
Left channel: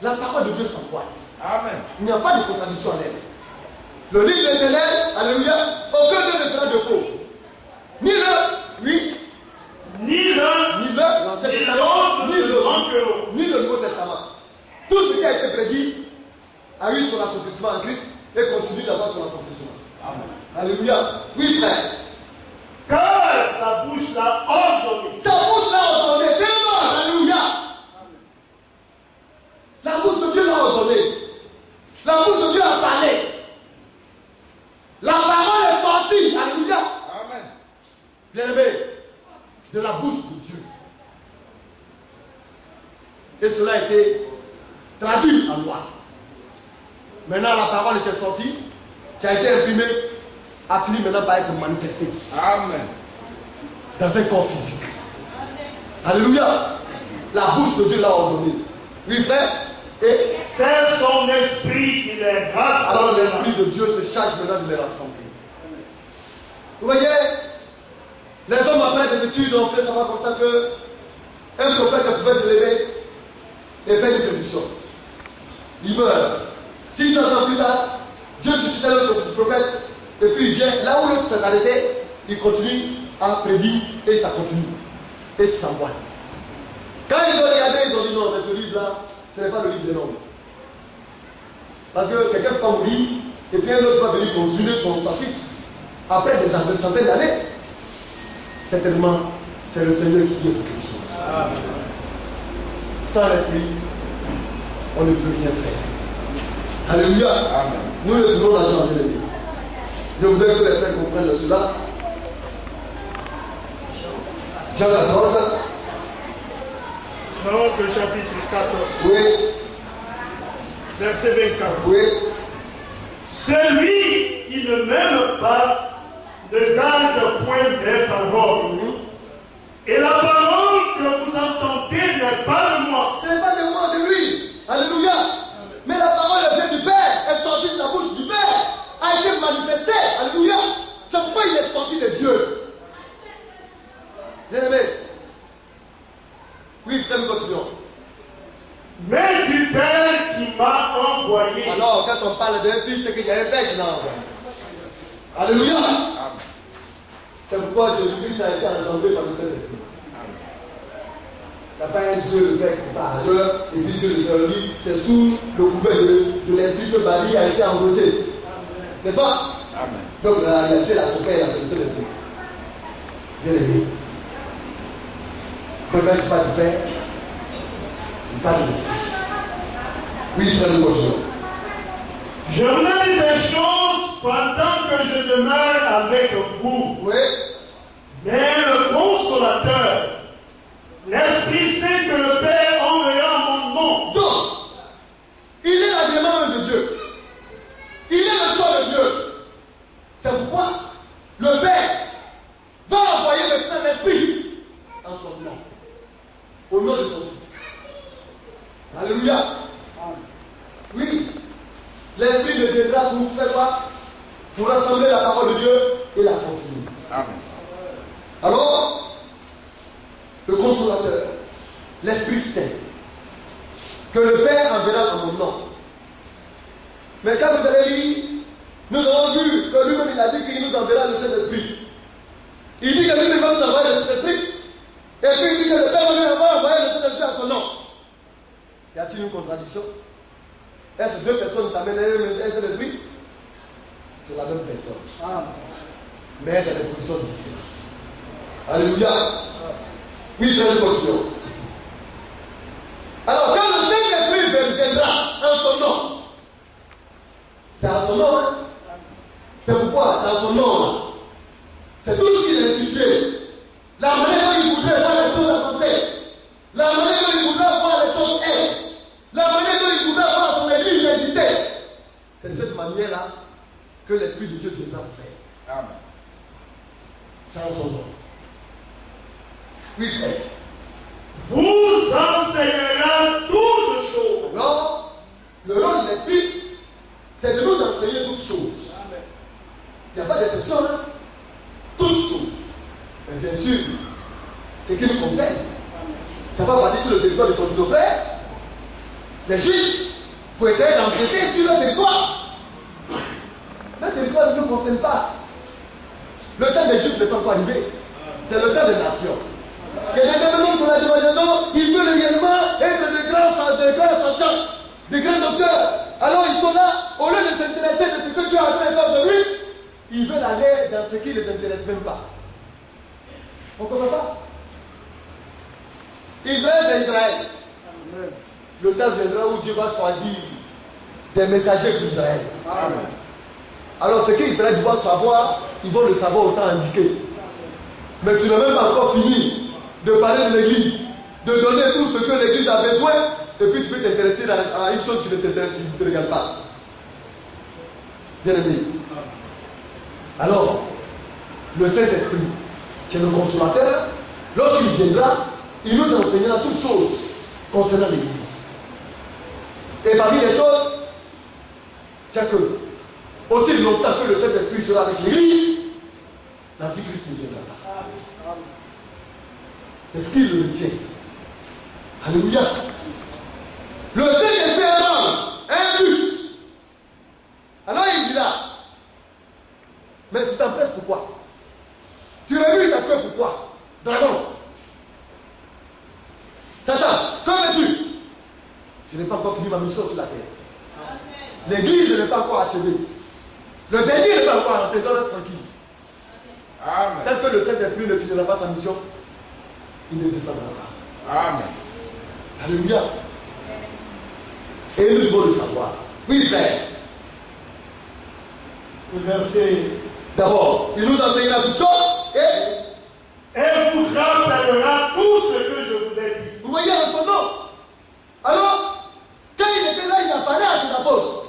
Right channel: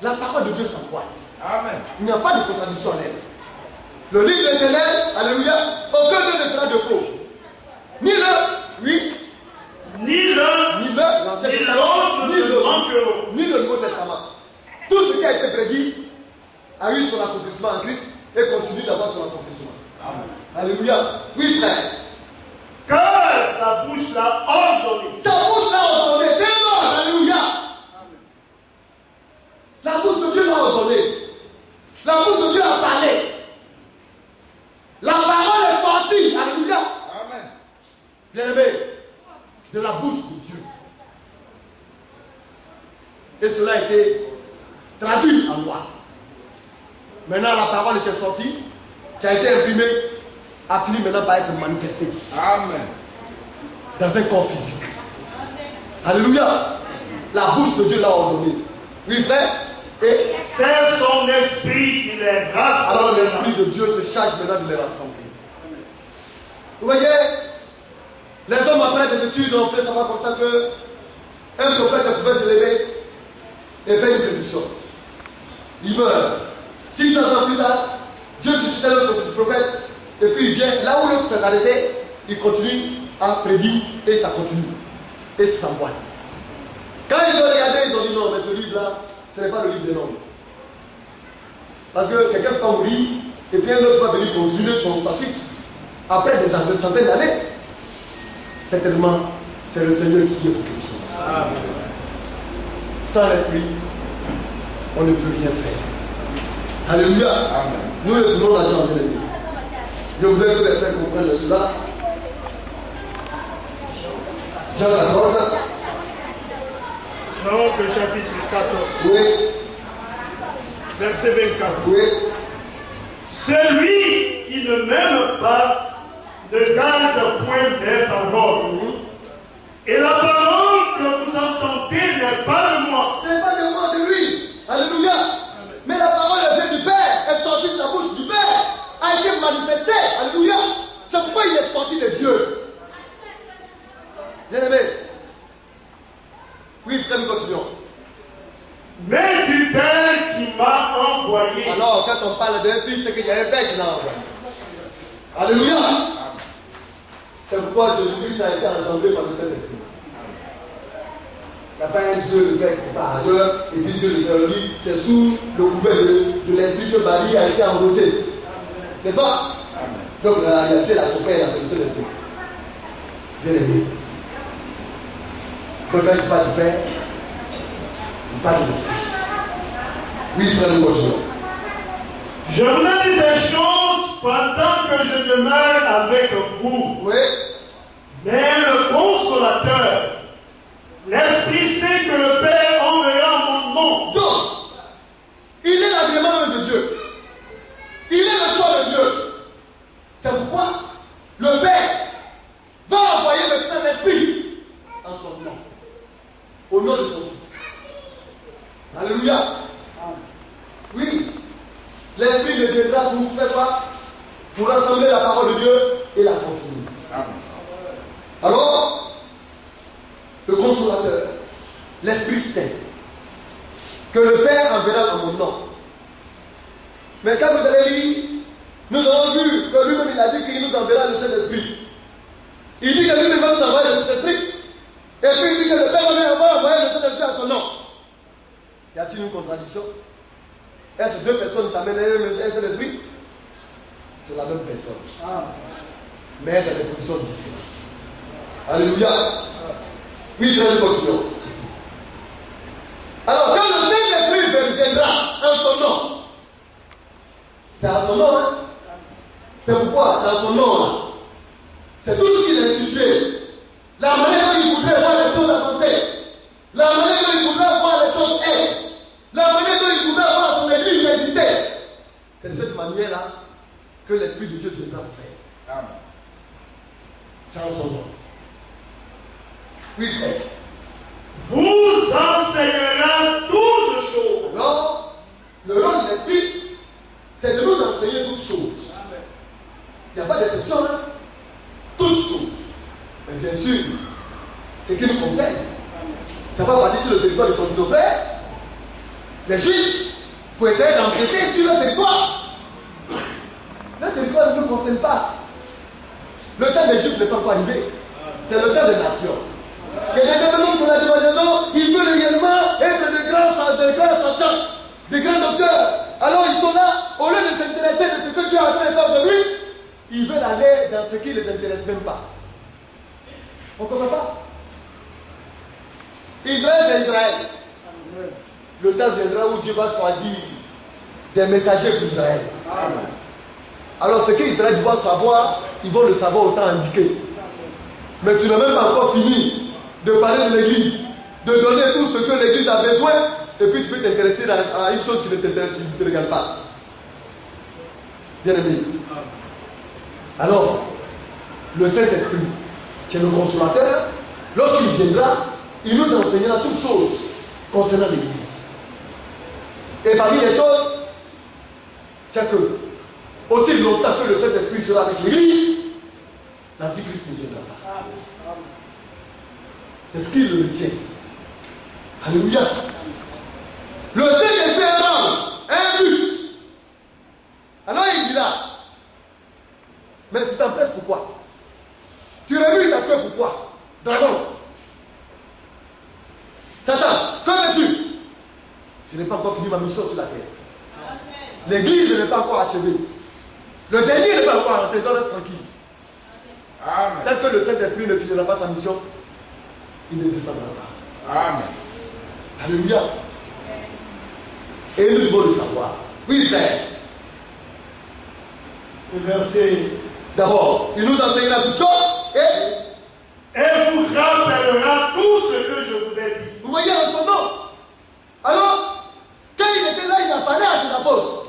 La parole de Dieu s'emboîte. Amen. Il n'y a pas de contradiction en elle. Le livre de l'Éternel, alléluia, aucun Dieu ne fera défaut. Ni le, oui, ni l'Ancien Testament, ni le Nouveau Testament. Tout ce qui a été prédit a eu son accomplissement en Christ et continue d'avoir son accomplissement. Amen. Alléluia. Oui, frère. Car sa bouche l'a ordonné. Sa bouche l'a ordonné. C'est bon. Alléluia. La bouche de Dieu l'a ordonné. La bouche de Dieu a parlé. La parole est sortie. Alléluia. Amen. Bien-aimé, de la bouche de Dieu. Et cela a été traduit en loi. Maintenant, la parole qui est sortie, qui a été imprimée, a fini maintenant par être manifestée. Amen. Dans un corps physique. Alléluia. La bouche de Dieu l'a ordonné. Oui, frère. Et c'est son esprit qui les rassemble. Alors l'esprit de Dieu se charge maintenant de les rassembler. Vous voyez, les hommes après des études ont fait savoir comme ça que un prophète pouvait se lever et faire une prédiction. Il meurt. 600 ans plus tard, Dieu suscite un autre prophète et puis il vient là où l'autre s'est arrêté, il continue à prédire et ça continue. Et ça s'emboîte. Quand ils ont regardé, ils ont dit non, mais ce livre-là, ce n'est pas le livre des noms. Parce que quelqu'un peut mourir et puis un autre va venir continuer sa suite. Après des centaines d'années, certainement, c'est le Seigneur qui est pour quelque chose. Amen. Sans l'esprit, on ne peut rien faire. Alléluia. Amen. Nous retournons l'argent en bien-aimé. Je voudrais que les frères comprennent cela. Jean 14. Jean, le chapitre 14. Oui. Verset 24. Oui. Celui qui ne m'aime pas ne garde point des paroles. Et la parole que vous entendez n'est pas de moi. Ce n'est pas de moi, de lui. Alléluia. mais du Père qui m'a envoyé. Alors, quand on parle d'un fils, c'est qu'il y a un Père qui l'a envoyé. Alléluia. C'est pourquoi Jésus-Christ a été engendré par le Saint-Esprit. Il n'y a pas un Dieu, le Père qui parle, et puis Dieu le Seigneur, c'est sous le couvert de l'Esprit que Marie a été enrosée. N'est-ce pas? Donc la réalité, la son Père, c'est le Saint-Esprit. Bien aimé. Donc quand il parle du Père, il parle de l'Esprit. Oui, frère, nous continuons. Je vous ai dit ces choses pendant que je demeure avec vous. Oui. Mais le consolateur, l'Esprit Saint que le Père enverra en mon nom. Donc, il est l'agrément même de Dieu. Il est le choix de Dieu. C'est pourquoi le Père va envoyer maintenant l'Esprit en son nom. Au nom de son Fils. Alléluia. Oui. L'Esprit ne viendra pour faire quoi? Pour rassembler la parole de Dieu et la confirmer. Amen. Alors, le consolateur, l'Esprit Saint, que le Père enverra en mon nom. Mais quand vous allez lire, nous avons vu que lui-même il a dit qu'il nous enverra le Saint-Esprit. Il dit que lui-même va nous envoyer le Saint-Esprit. Et puis il dit que le Père va envoyer le Saint-Esprit en son nom. Y a-t-il une contradiction? Est-ce que deux personnes s'amènent un Saint-Esprit? C'est la même personne. Mais dans des positions différentes. Alléluia. Oui, je vais continuer. Alors, quand le Saint-Esprit viendra en son nom, c'est en son nom, hein? C'est pourquoi, dans son nom, c'est tout ce qu'il a institué. La manière dont il voudrait voir les choses avancer, la manière dont il voudrait voir les choses être, la manière dont il voudrait voir son église exister. C'est de cette manière-là que l'Esprit de Dieu viendra pour faire. Amen. C'est en son nom. Oui, frère. Vous enseignera toutes choses. Alors, le rôle de l'Esprit, c'est de nous enseigner toutes choses. Il n'y a pas d'exception, hein? Toutes choses. Mais bien sûr, ce qui nous concerne. Tu n'as pas parti sur le territoire de ton frère. Les Juifs, pour essayer d'emprunter sur le territoire. Le territoire ne nous concerne pas. Le temps des Juifs n'est pas encore arrivé. C'est le temps des nations. Et les développements pour la démonstration, ils veulent réellement être de grands sachants, de grands docteurs. Alors ils sont là, au lieu de s'intéresser de ce que Dieu a en train de faire de lui, ils veulent aller dans ce qui ne les intéresse même pas. On ne comprend pas. Israël, c'est Israël. Le temps viendra où Dieu va choisir des messagers pour Israël. Amen. Alors ce qu'Israël doit savoir, ils vont le savoir au temps indiqué. Mais tu n'as même pas encore fini de parler de l'église, de donner tout ce que l'église a besoin, et puis tu peux t'intéresser à une chose qui ne te regarde pas. Bien aimé. Alors, le Saint-Esprit, qui est le consolateur, lorsqu'il viendra, il nous enseignera toutes choses concernant l'église. Et parmi les choses, c'est que, aussi longtemps que le Saint-Esprit sera avec l'église, l'Antichrist ne viendra pas. C'est ce qu'il retient. Alléluia. Le Saint-Esprit a un but. Alors il dit là, mais tu t'empresses pourquoi? Tu remues ta queue pourquoi? Dragon. Satan, que veux-tu? Je n'ai pas encore fini ma mission sur la terre. L'église n'est pas encore achevée. Le dernier n'est pas encore rentré, donc reste tranquille. Amen. Tant que le Saint-Esprit ne finira pas sa mission, il ne descendra pas. Amen. Alléluia. Et nous devons le savoir. Oui, frère. Verset. D'abord, il nous enseignera toutes choses et vous rappellera tout ce que je vous ai dit. vous voyez en son nom. Alors, quand il était là, il a parlé à ses apôtres.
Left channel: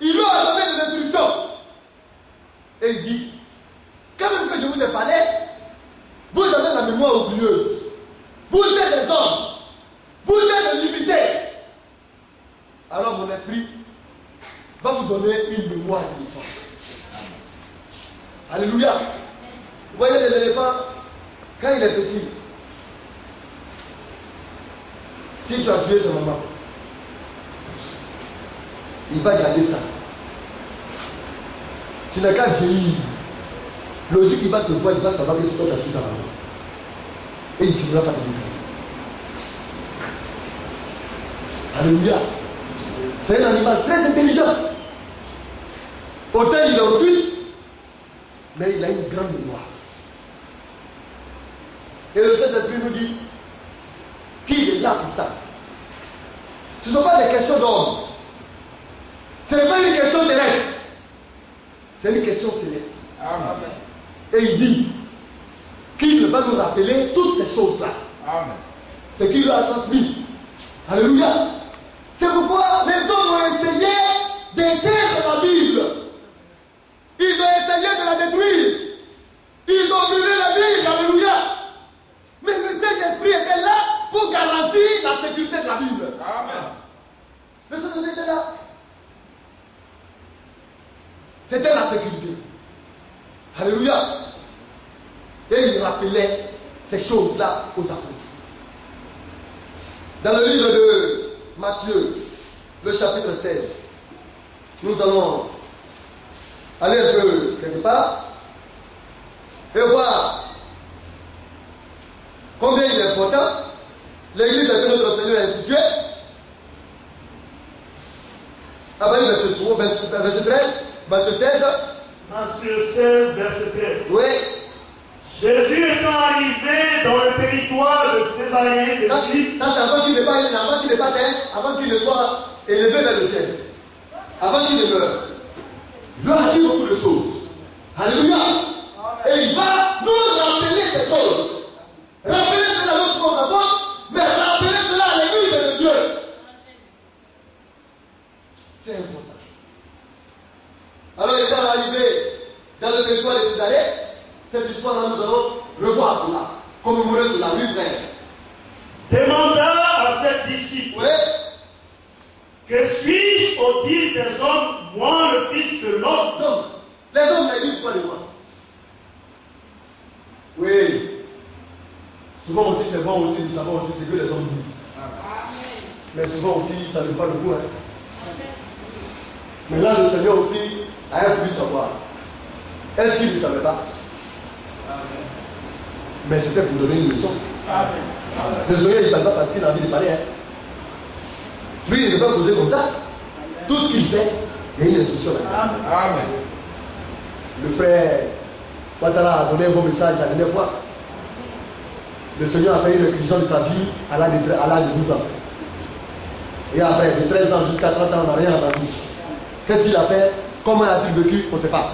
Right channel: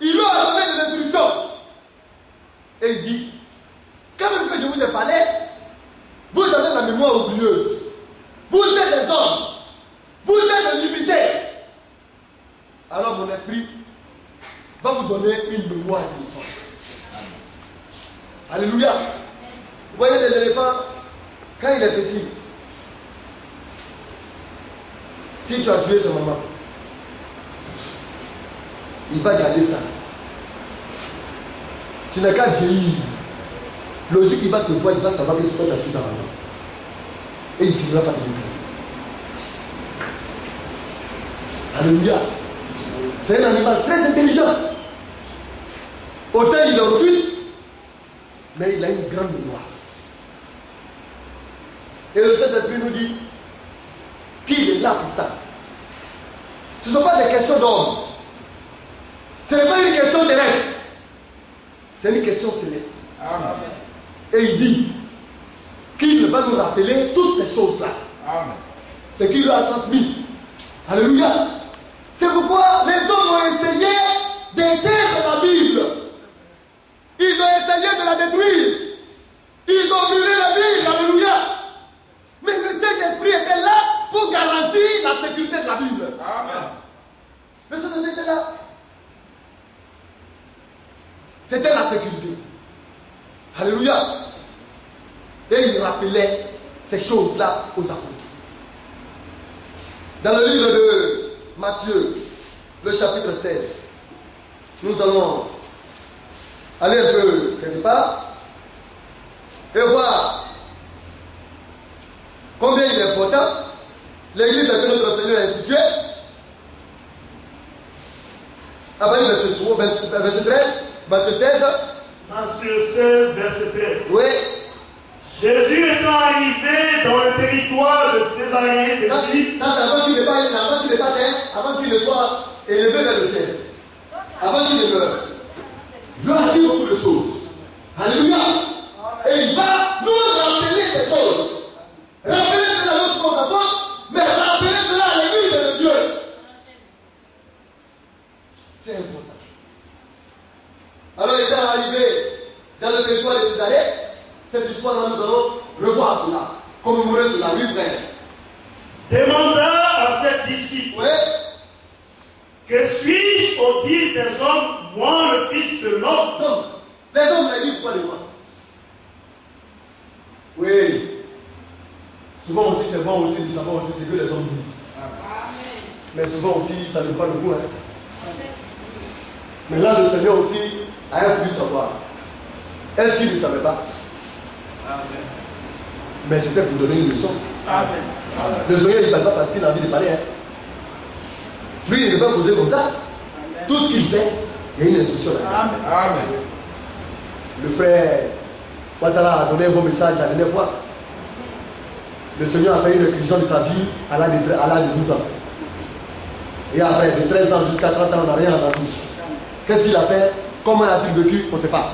Il leur a donné des instructions. Et il dit, quand même que je vous ai parlé, vous avez la mémoire oublieuse. Vous êtes des hommes. Vous êtes limités. Alors mon esprit va vous donner une mémoire d'éléphant. Alléluia. Vous voyez l'éléphant, quand il est petit, si tu as tué sa maman, il va garder ça. Tu n'as qu'à vieillir. Logique, il va te voir, il va savoir que c'est toi qui as tué ta maman. Et il ne finira pas te détruire. Alléluia. C'est un animal très intelligent. Autant il est robuste, mais il a une grande mémoire. Et le Saint-Esprit nous dit qu'il est là pour ça. Ce ne sont pas des questions d'homme. Ce n'est pas une question terrestre. C'est une question céleste. Amen. Et il dit qu'il va nous rappeler toutes ces choses-là. Amen. C'est qu'il leur a transmis. Alléluia. C'est pourquoi les hommes ont essayé d'éteindre la Bible. Ils ont essayé de la détruire. Ils ont brûlé la Bible. Alléluia. Mais le Saint-Esprit était là pour garantir la sécurité de la Bible. Amen. Le Saint-Esprit était là. C'était la sécurité. Alléluia. Et il rappelait ces choses-là aux apôtres. Dans le livre de Matthieu, le chapitre 16, nous allons aller un peu quelque part et voir combien il est important l'église que notre Seigneur a instituée. Après le verset 13, Matthieu 16. Matthieu 16, verset 13. Oui. Jésus étant arrivé dans le territoire de Césarée d'Égypte. Ça c'est avant qu'il ne parte, avant qu'il ne soit élevé vers le ciel. Avant qu'il ne meure. Il a dit beaucoup de choses. Alléluia. Et il va nous rappeler ces choses. Rappeler cela à notre apôtre, mais rappeler cela à l'église de Dieu. C'est important. Alors, étant arrivé dans le territoire de Césarée, cette histoire-là, nous allons revoir cela, commémorer cela, lui frère. Demanda à ses disciples. Oui. Que suis-je au dire des hommes, moi le Fils de l'homme? Donc, les hommes ne disent pas de moi. Oui. Souvent aussi, c'est bon aussi de savoir aussi ce que les hommes disent. Mais souvent aussi, ça ne veut pas le goût. Mais là, le Seigneur aussi a voulu savoir. Est-ce qu'il ne savait pas? Mais c'était pour donner une leçon. Le Seigneur, il ne parle pas parce qu'il a envie de parler. Lui, il ne peut pas poser comme ça. Tout ce qu'il fait, il y a une instruction là. Amen. Le frère Ouattara a donné un bon message la dernière fois. Le Seigneur a fait une inclusion de sa vie à l'âge de 12 ans. Et après, de 13 ans jusqu'à 30 ans, on n'a rien entendu. Qu'est-ce qu'il a fait? Comment a-t-il vécu? On ne sait pas.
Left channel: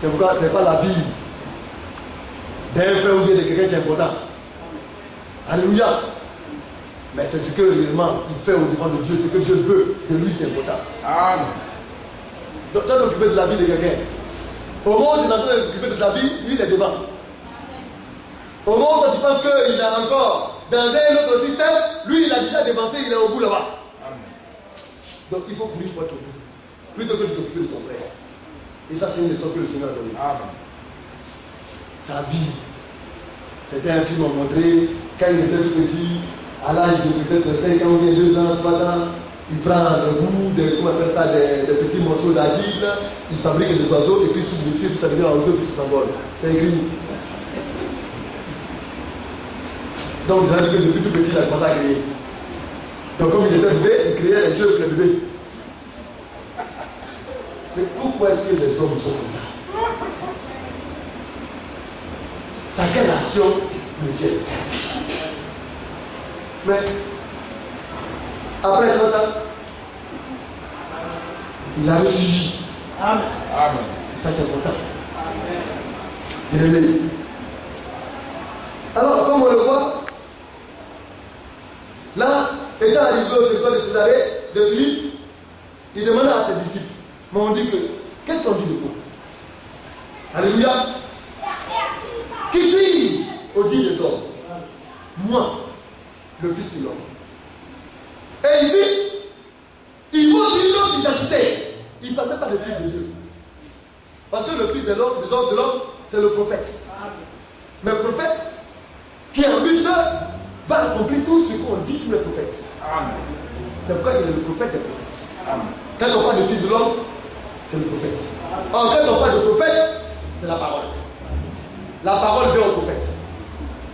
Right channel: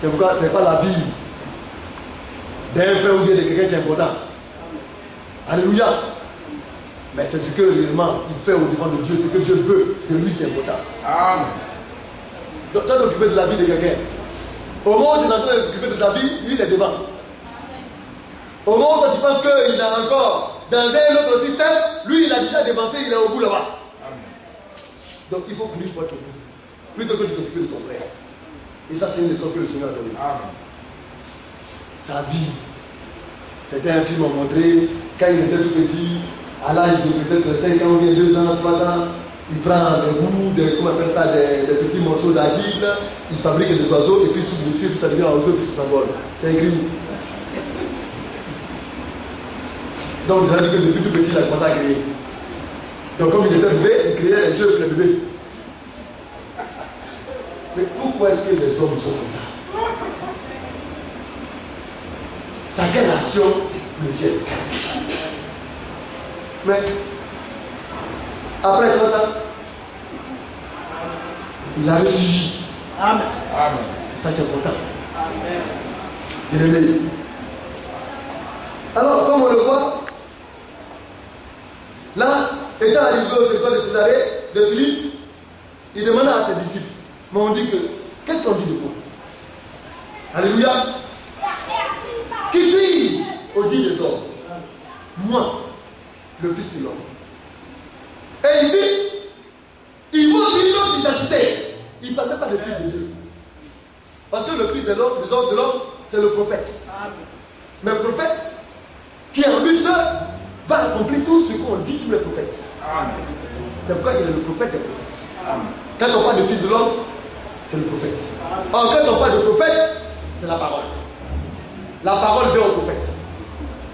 C'est pourquoi ce n'est pas la vie d'un frère ou bien de quelqu'un qui est important. Alléluia. Mais c'est ce que réellement il fait au devant de Dieu, ce que Dieu veut de lui qui est important. Amen. Donc, tu es occupé de la vie de quelqu'un. Au moment où tu es en train de t'occuper de ta vie, lui il est devant. Au moment où tu penses qu'il est encore dans un autre système, lui il a déjà dévancé, il est au bout là-bas. Donc il faut courir pour être au bout, plutôt que de t'occuper de ton frère. Et ça, c'est une leçon que le Seigneur a donnée. Amen. Sa vie. Certains films ont montré, quand il était tout petit, à l'âge de peut-être 5 ans, 2 ans, 3 ans, il prend des bouts, comment on appelle ça, des petits morceaux d'argile, il fabrique des oiseaux, et puis sous boussir, puis ça devient un oiseau, puis ça s'envole. C'est un crime. Donc, ça veut dire que depuis tout petit, il a commencé à créer. Donc, comme il était bébé, il créait les jeux pour les bébés. Mais pourquoi est-ce que les hommes sont comme ça? Ça quelle action pour le ciel? Mais après 30 ans, il a ressurgi. Amen. Amen. C'est ça qui est important. Il est né. Alors, comme on le voit, là, étant arrivé au territoire de Césarée, de Philippe, il demanda à ses disciples. Mais on dit que, qu'est-ce qu'on dit de vous? Alléluia. Qui suis-je au dit des hommes? Moi, le Fils de l'homme. Et ici, il montre une autre identité. Il ne parle même pas de Fils de Dieu. Parce que le Fils de l'homme, les hommes de l'homme, c'est le prophète. Mais le prophète, qui en lui seul, va accomplir accompli tout ce qu'ont dit tous les prophètes. Amen. C'est pourquoi il est le prophète des prophètes. Amen. Quand on parle de fils de l'homme, c'est le prophète. Or, quand on parle de prophète, c'est la parole. La parole vient au prophète.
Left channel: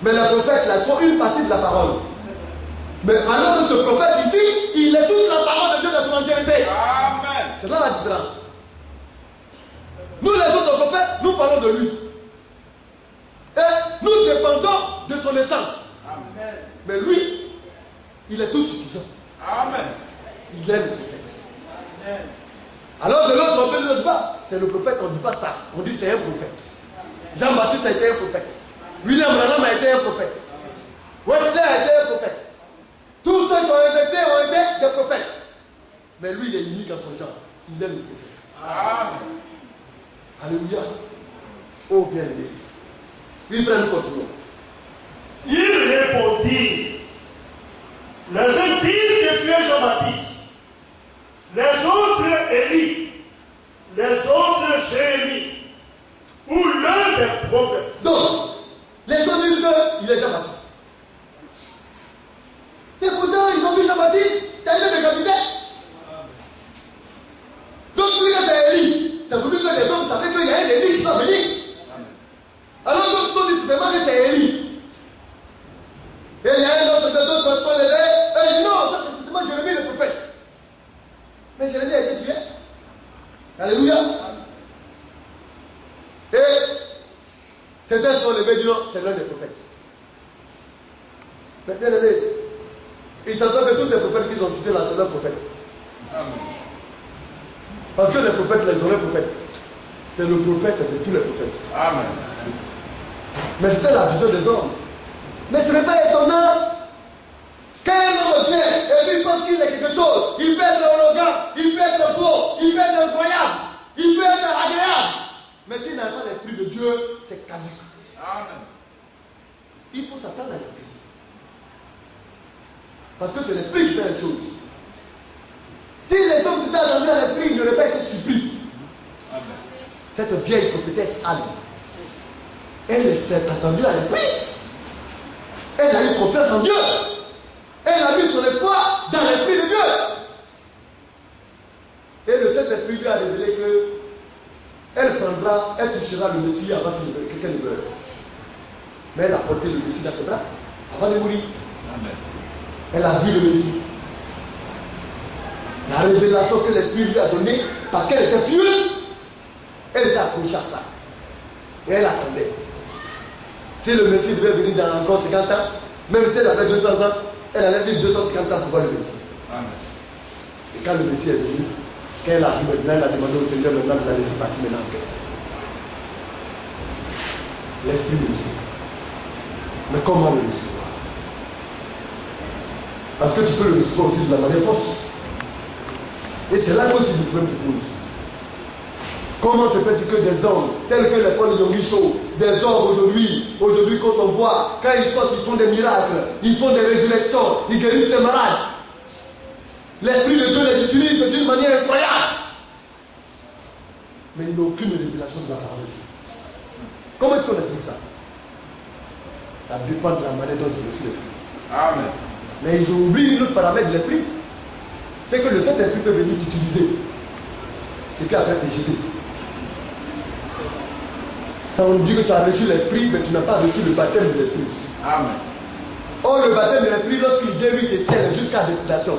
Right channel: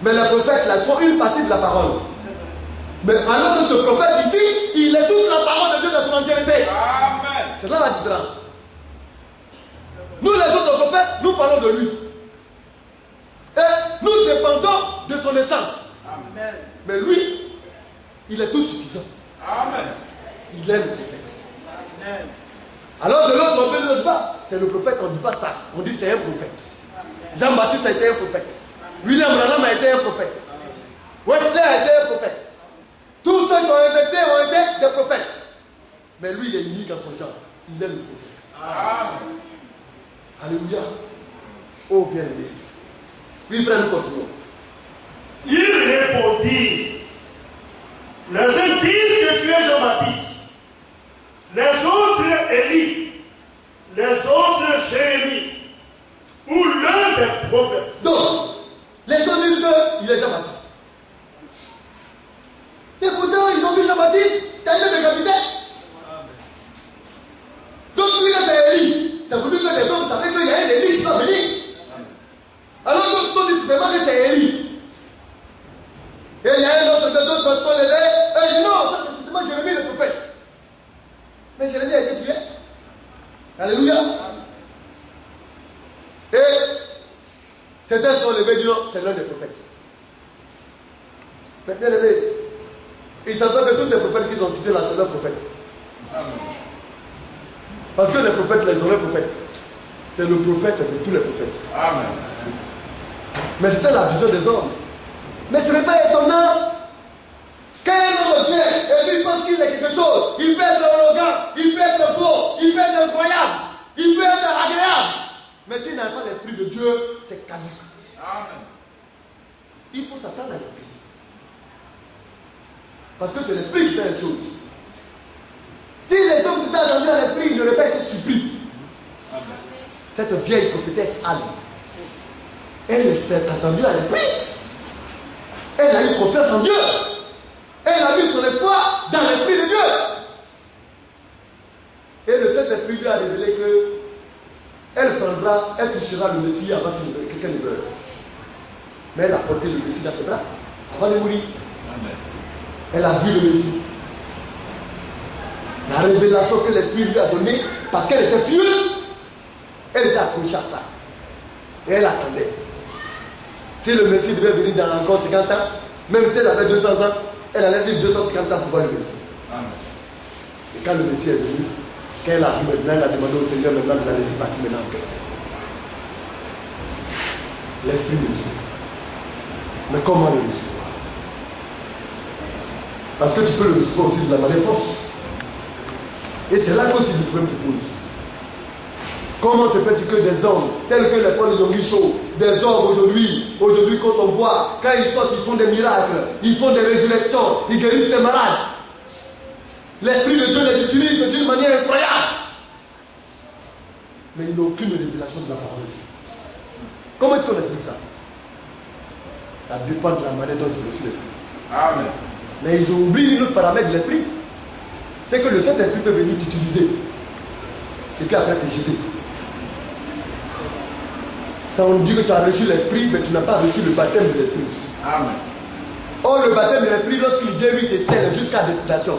Mais les prophètes, là, sont une partie de la parole. Mais alors que ce prophète ici, il est toute la parole de Dieu dans son entièreté. Amen. C'est là la différence. Nous, les autres prophètes, nous parlons de lui. Et nous dépendons de son essence. Amen. Mais lui, il est tout suffisant. Amen. Il est le prophète. Amen. Alors de l'autre, on peut le débat. C'est le prophète, on ne dit pas ça. On dit c'est un prophète. Jean-Baptiste a été un prophète. William Branham a été un prophète. Wesley a été un prophète. Tous ceux qui ont exercé ont été des prophètes. Mais lui, il est unique en son genre. Il est le prophète. Amen. Alléluia. Oh bien-aimé. Oui, frère, nous continuons. Il répondit, les uns disent que tu es Jean-Baptiste, les autres Élie, les autres Jérémie, ou l'un des prophètes. Donc, les gens disent qu'il est Jean-Baptiste. Mais pourtant, ils ont vu Jean-Baptiste, qui a été décapité. Donc, lui, c'est Élie. Ça veut dire que les hommes savaient qu'il y a un Élie qui va venir. Alors, d'autres sont dit simplement que c'est Élie. Et il y a un autre, d'autres personnes les et ils disent non, ça c'est simplement Jérémie le prophète. Mais Jérémie a été tué. Alléluia. Et certains sont levés et disent non, c'est l'un des prophètes. Mais bien aimé, ils savent que tous ces prophètes qu'ils ont cités là, c'est leurs prophètes. Parce que les prophètes, les vrais prophètes, c'est le prophète de tous les prophètes. Amen. Mais c'était la vision des hommes. Mais ce n'est pas étonnant qu'un homme vient et puis il pense qu'il est quelque chose. Il peut être arrogant, il peut être beau, il peut être incroyable, il peut être agréable. Mais s'il n'a pas l'esprit de Dieu, c'est caduc. Amen. Il faut s'attendre à l'esprit. Parce que c'est l'esprit qui fait les choses. Si les hommes s'étaient attendus à l'esprit, ils n'auraient pas été surpris. Amen. Cette vieille prophétesse Anne, elle s'est attendue à l'esprit. Elle a eu confiance en Dieu. Elle a mis son espoir dans l'esprit de Dieu. Et le Saint-Esprit lui a révélé que elle touchera le Messie avant qu'elle ne meure. Mais elle a porté le Messie dans ses bras avant de mourir. Amen. Elle a vu le Messie. La révélation que l'Esprit lui a donnée, parce qu'elle était pieuse, elle était accrochée à ça. Et elle attendait. Si le Messie devait venir dans encore 50 ans, même si elle avait 200 ans, elle allait vivre 250 ans pour voir le Messie. Amen. Et quand le Messie est venu, quand elle a vu maintenant, elle a demandé au Seigneur maintenant de la laisser partir maintenant en paix. L'Esprit de Dieu. Mais comment le recevoir? Parce que tu peux le recevoir aussi de la manière fausse. Et c'est là qu'aussi le problème se pose. Comment se fait-il que des hommes, tels que les Paul Yongisho, des hommes aujourd'hui, quand on voit, quand ils sortent, ils font des miracles, ils font des résurrections, ils guérissent des malades. L'Esprit de Dieu les utilise d'une manière incroyable. Mais ils n'ont aucune révélation de la parole de Dieu. Comment est-ce qu'on explique ça? Ça dépend de la manière dont ils reçoivent l'Esprit. Amen. Mais ils ont oublié une autre paramètre de l'Esprit. C'est que le Saint-Esprit peut venir t'utiliser. Et puis après te jeter. Ça on dit que tu as reçu l'Esprit, mais tu n'as pas reçu le baptême de l'Esprit. Amen. Or le baptême de l'Esprit, lorsqu'il vient, lui te scelle jusqu'à destination.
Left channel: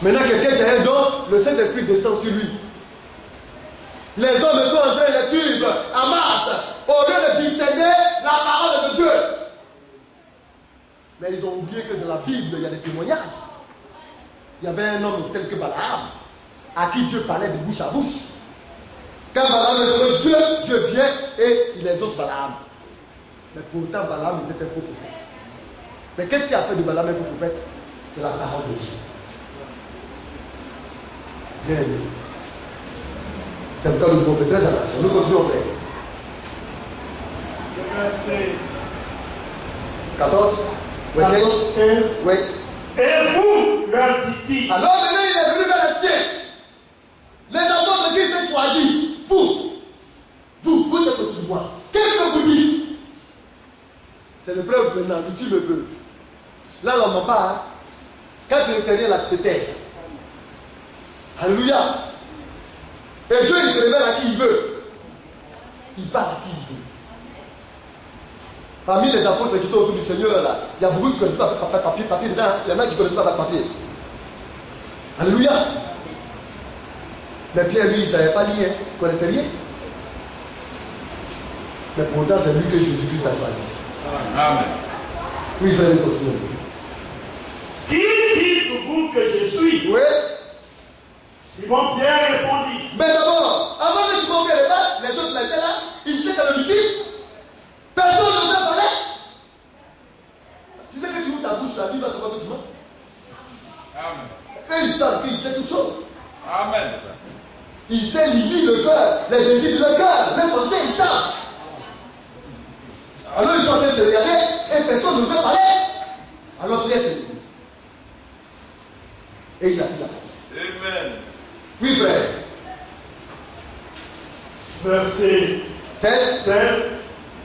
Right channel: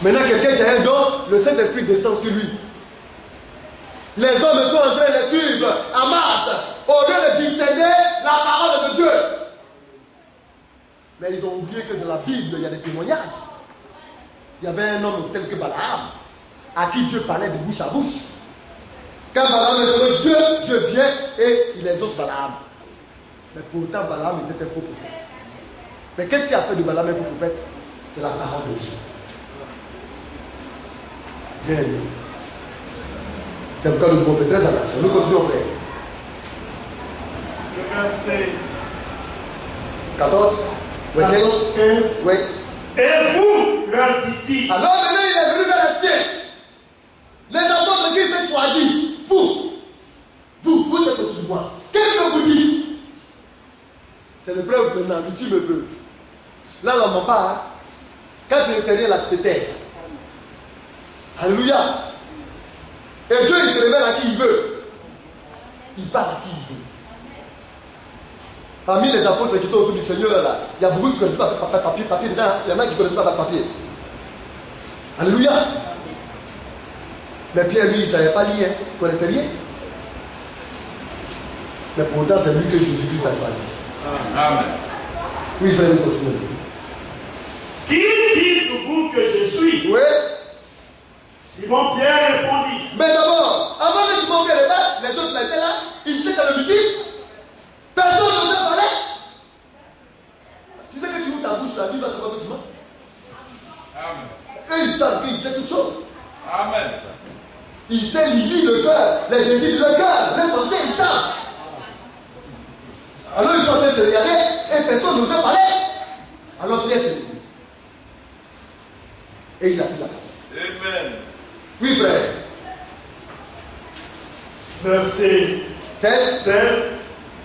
Maintenant quelqu'un qui a un don, le Saint-Esprit descend sur lui. Les hommes sont en train de suivre en masse, au lieu de discerner la parole de Dieu. Mais ils ont oublié que dans la Bible, il y a des témoignages. Il y avait un homme tel que Balaam, à qui Dieu parlait de bouche à bouche. Quand Balaam est Dieu, Dieu vient et il exauce Balaam. Mais pourtant, Balaam était un faux prophète. Mais qu'est-ce qui a fait de Balaam un faux prophète? C'est la parole de Dieu. Bien aimé. C'est pourquoi nous devons faire très attention. Nous continuons, frère. Le verset 14, oui, 15. 15. Oui. Et vous, leur dit-il, Alors maintenant, il est venu vers les siens. Les apôtres qui s'est choisi. Vous êtes autour de moi. Qu'est-ce que vous dites? C'est le preuve maintenant, l'ultime preuve. Là, on n'en pas. Hein? Quand tu ne sais rien, là, tu te tais. Alléluia. Et Dieu, il se révèle à qui il veut. Il parle à qui il veut. Parmi les apôtres qui sont autour du Seigneur, là, il y a beaucoup qui ne connaissent pas papier dedans. Il y en a qui ne connaissent pas papier. Alléluia. Mais Pierre, lui, il ne savait pas lire. Il ne connaissait rien. Mais pourtant, c'est lui que Jésus-Christ a choisi. Amen. Oui, frère, continue. Qui dites-vous que je suis? Oui. Simon Pierre répondit. Mais d'abord, avant que Simon Pierre répète, les autres étaient là, ils étaient dans le litige. Personne ne s'en parlait. Tu sais que tu ouvres ta bouche, la Bible va savoir que tu mens. Amen. Et ils savent qu'il sait toutes choses. Amen. Il sait lire le cœur, les désirs de leur cœur, les pensées, ils savent. Alors ils sont en train de se regarder et personne ne veut parler. Alors Pierre s'est levé. Et il a pris la parole. Amen. Oui, frère. Verset 16.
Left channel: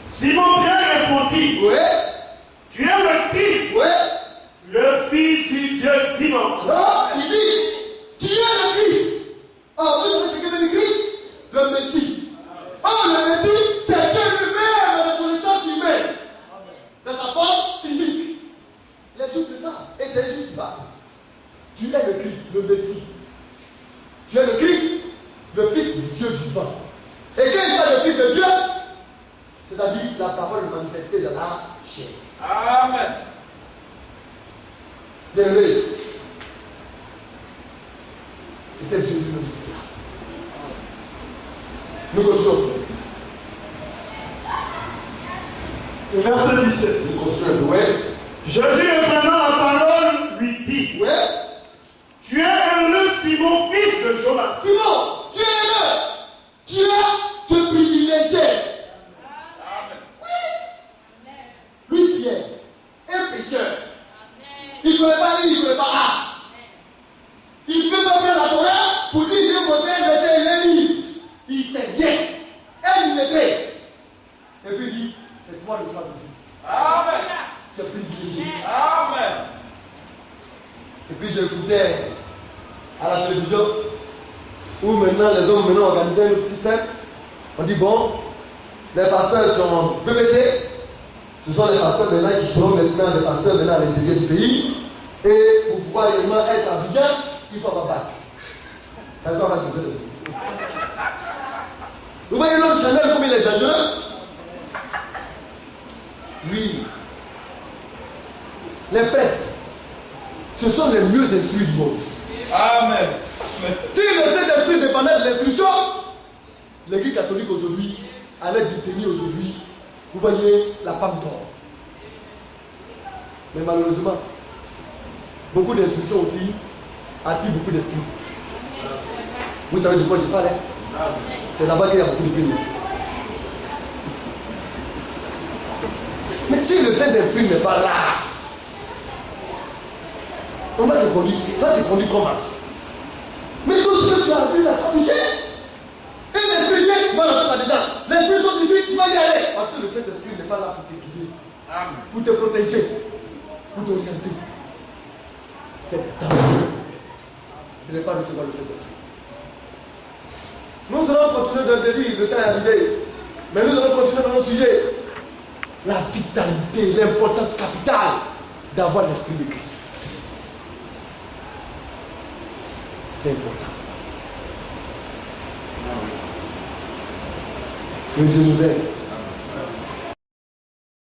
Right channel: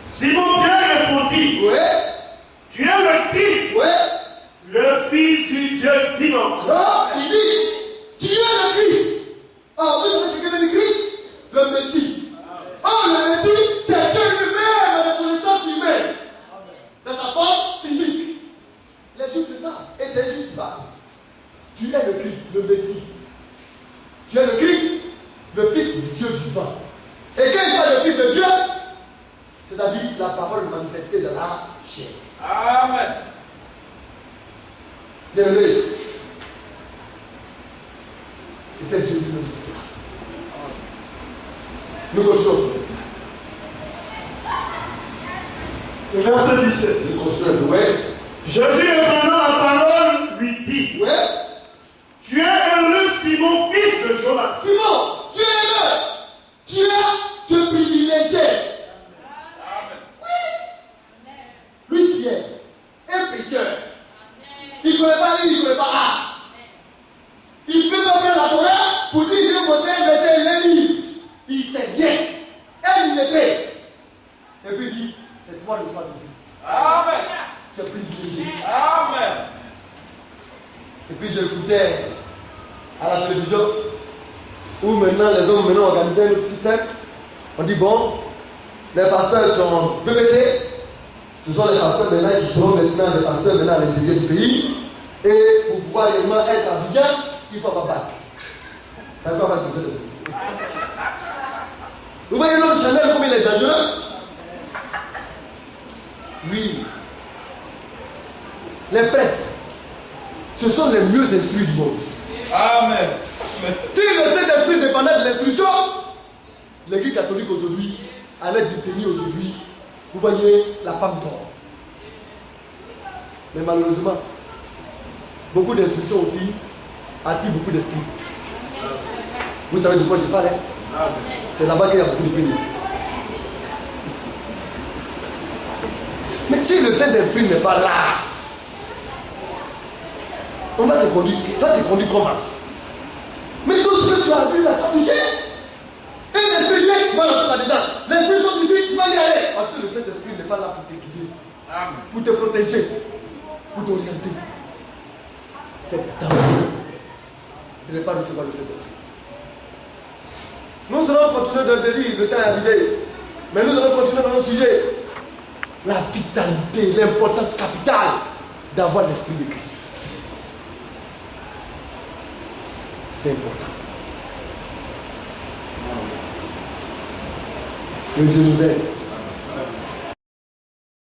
Simon Pierre répondit. Oui. Tu es le Christ, Oui. le Fils du Dieu vivant. Non, il dit, qui est le Christ? Oh, vous savez ce que veut dire Christ? Le Messie. Oh, le Messie, c'est Dieu lui-même dans son essence humaine. Dans sa forme physique. Les Juifs le savent. Et c'est Jésus qui parle. Tu es le Christ, le Messie. Tu es le Christ, le Fils du Dieu vivant. Et quand il parle de Fils de Dieu, c'est-à-dire la parole manifestée dans la chair. Amen. Bien-aimé, c'était Dieu lui-même qui fait. Nous continuons. Le verset 17. Nous continuons. Oui. Jésus reprenant la parole lui dit. Oui. Tu es heureux, Simon, fils de Jonas. Simon, tu es heureux. Tu es privilégié. Amen. Lui, Pierre, un pécheur. Il ne pouvait pas lire, il ne pouvait pas lire. Il ne peut pas prendre la Torah pour dire que mon frère verset, il est libre. Il sait bien. Et il était. Et puis il dit, c'est toi le choix de Dieu. Amen. Tu es privilégié. Amen. Et puis j'écoutais à la télévision où maintenant les hommes maintenant organisaient un autre système. On dit bon, les pasteurs qui ont BBC, ce sont les pasteurs maintenant qui seront maintenant les pasteurs maintenant à l'intérieur du pays. Et pour pouvoir réellement être à Abidjan, il faut avoir battre. Ça ne peut pas être besoin. Vous voyez l'homme Chanel comme il est dangereux? Oui. Les prêtres, ce sont les mieux instruits du monde. Amen. Si le Saint-Esprit dépendait de l'instruction, l'Église catholique aujourd'hui allait détenir aujourd'hui, vous voyez, la femme d'or. Mais malheureusement, beaucoup d'instructions aussi attirent beaucoup d'esprits. Vous savez de quoi je parle? C'est là-bas qu'il y a beaucoup de pénibles. Mais si le Saint-Esprit n'est pas là, on va te conduire. Tu vas te conduire comment? Mais tout ce que tu as vu là, tu as touché. Et l'esprit vient, tu vas rentrer là-dedans. L'esprit sont ici, tu vas y aller. Parce que le Saint-Esprit n'est pas là pour te guider, Amen. pour te protéger, pour t'orienter. C'est dangereux de ne pas recevoir le Saint-Esprit. Nous allons continuer de le dire, le temps est arrivé. Mais nous allons continuer dans nos sujets. La vitalité, l'importance capitale d'avoir l'Esprit de Christ. C'est important. Que Dieu nous aide.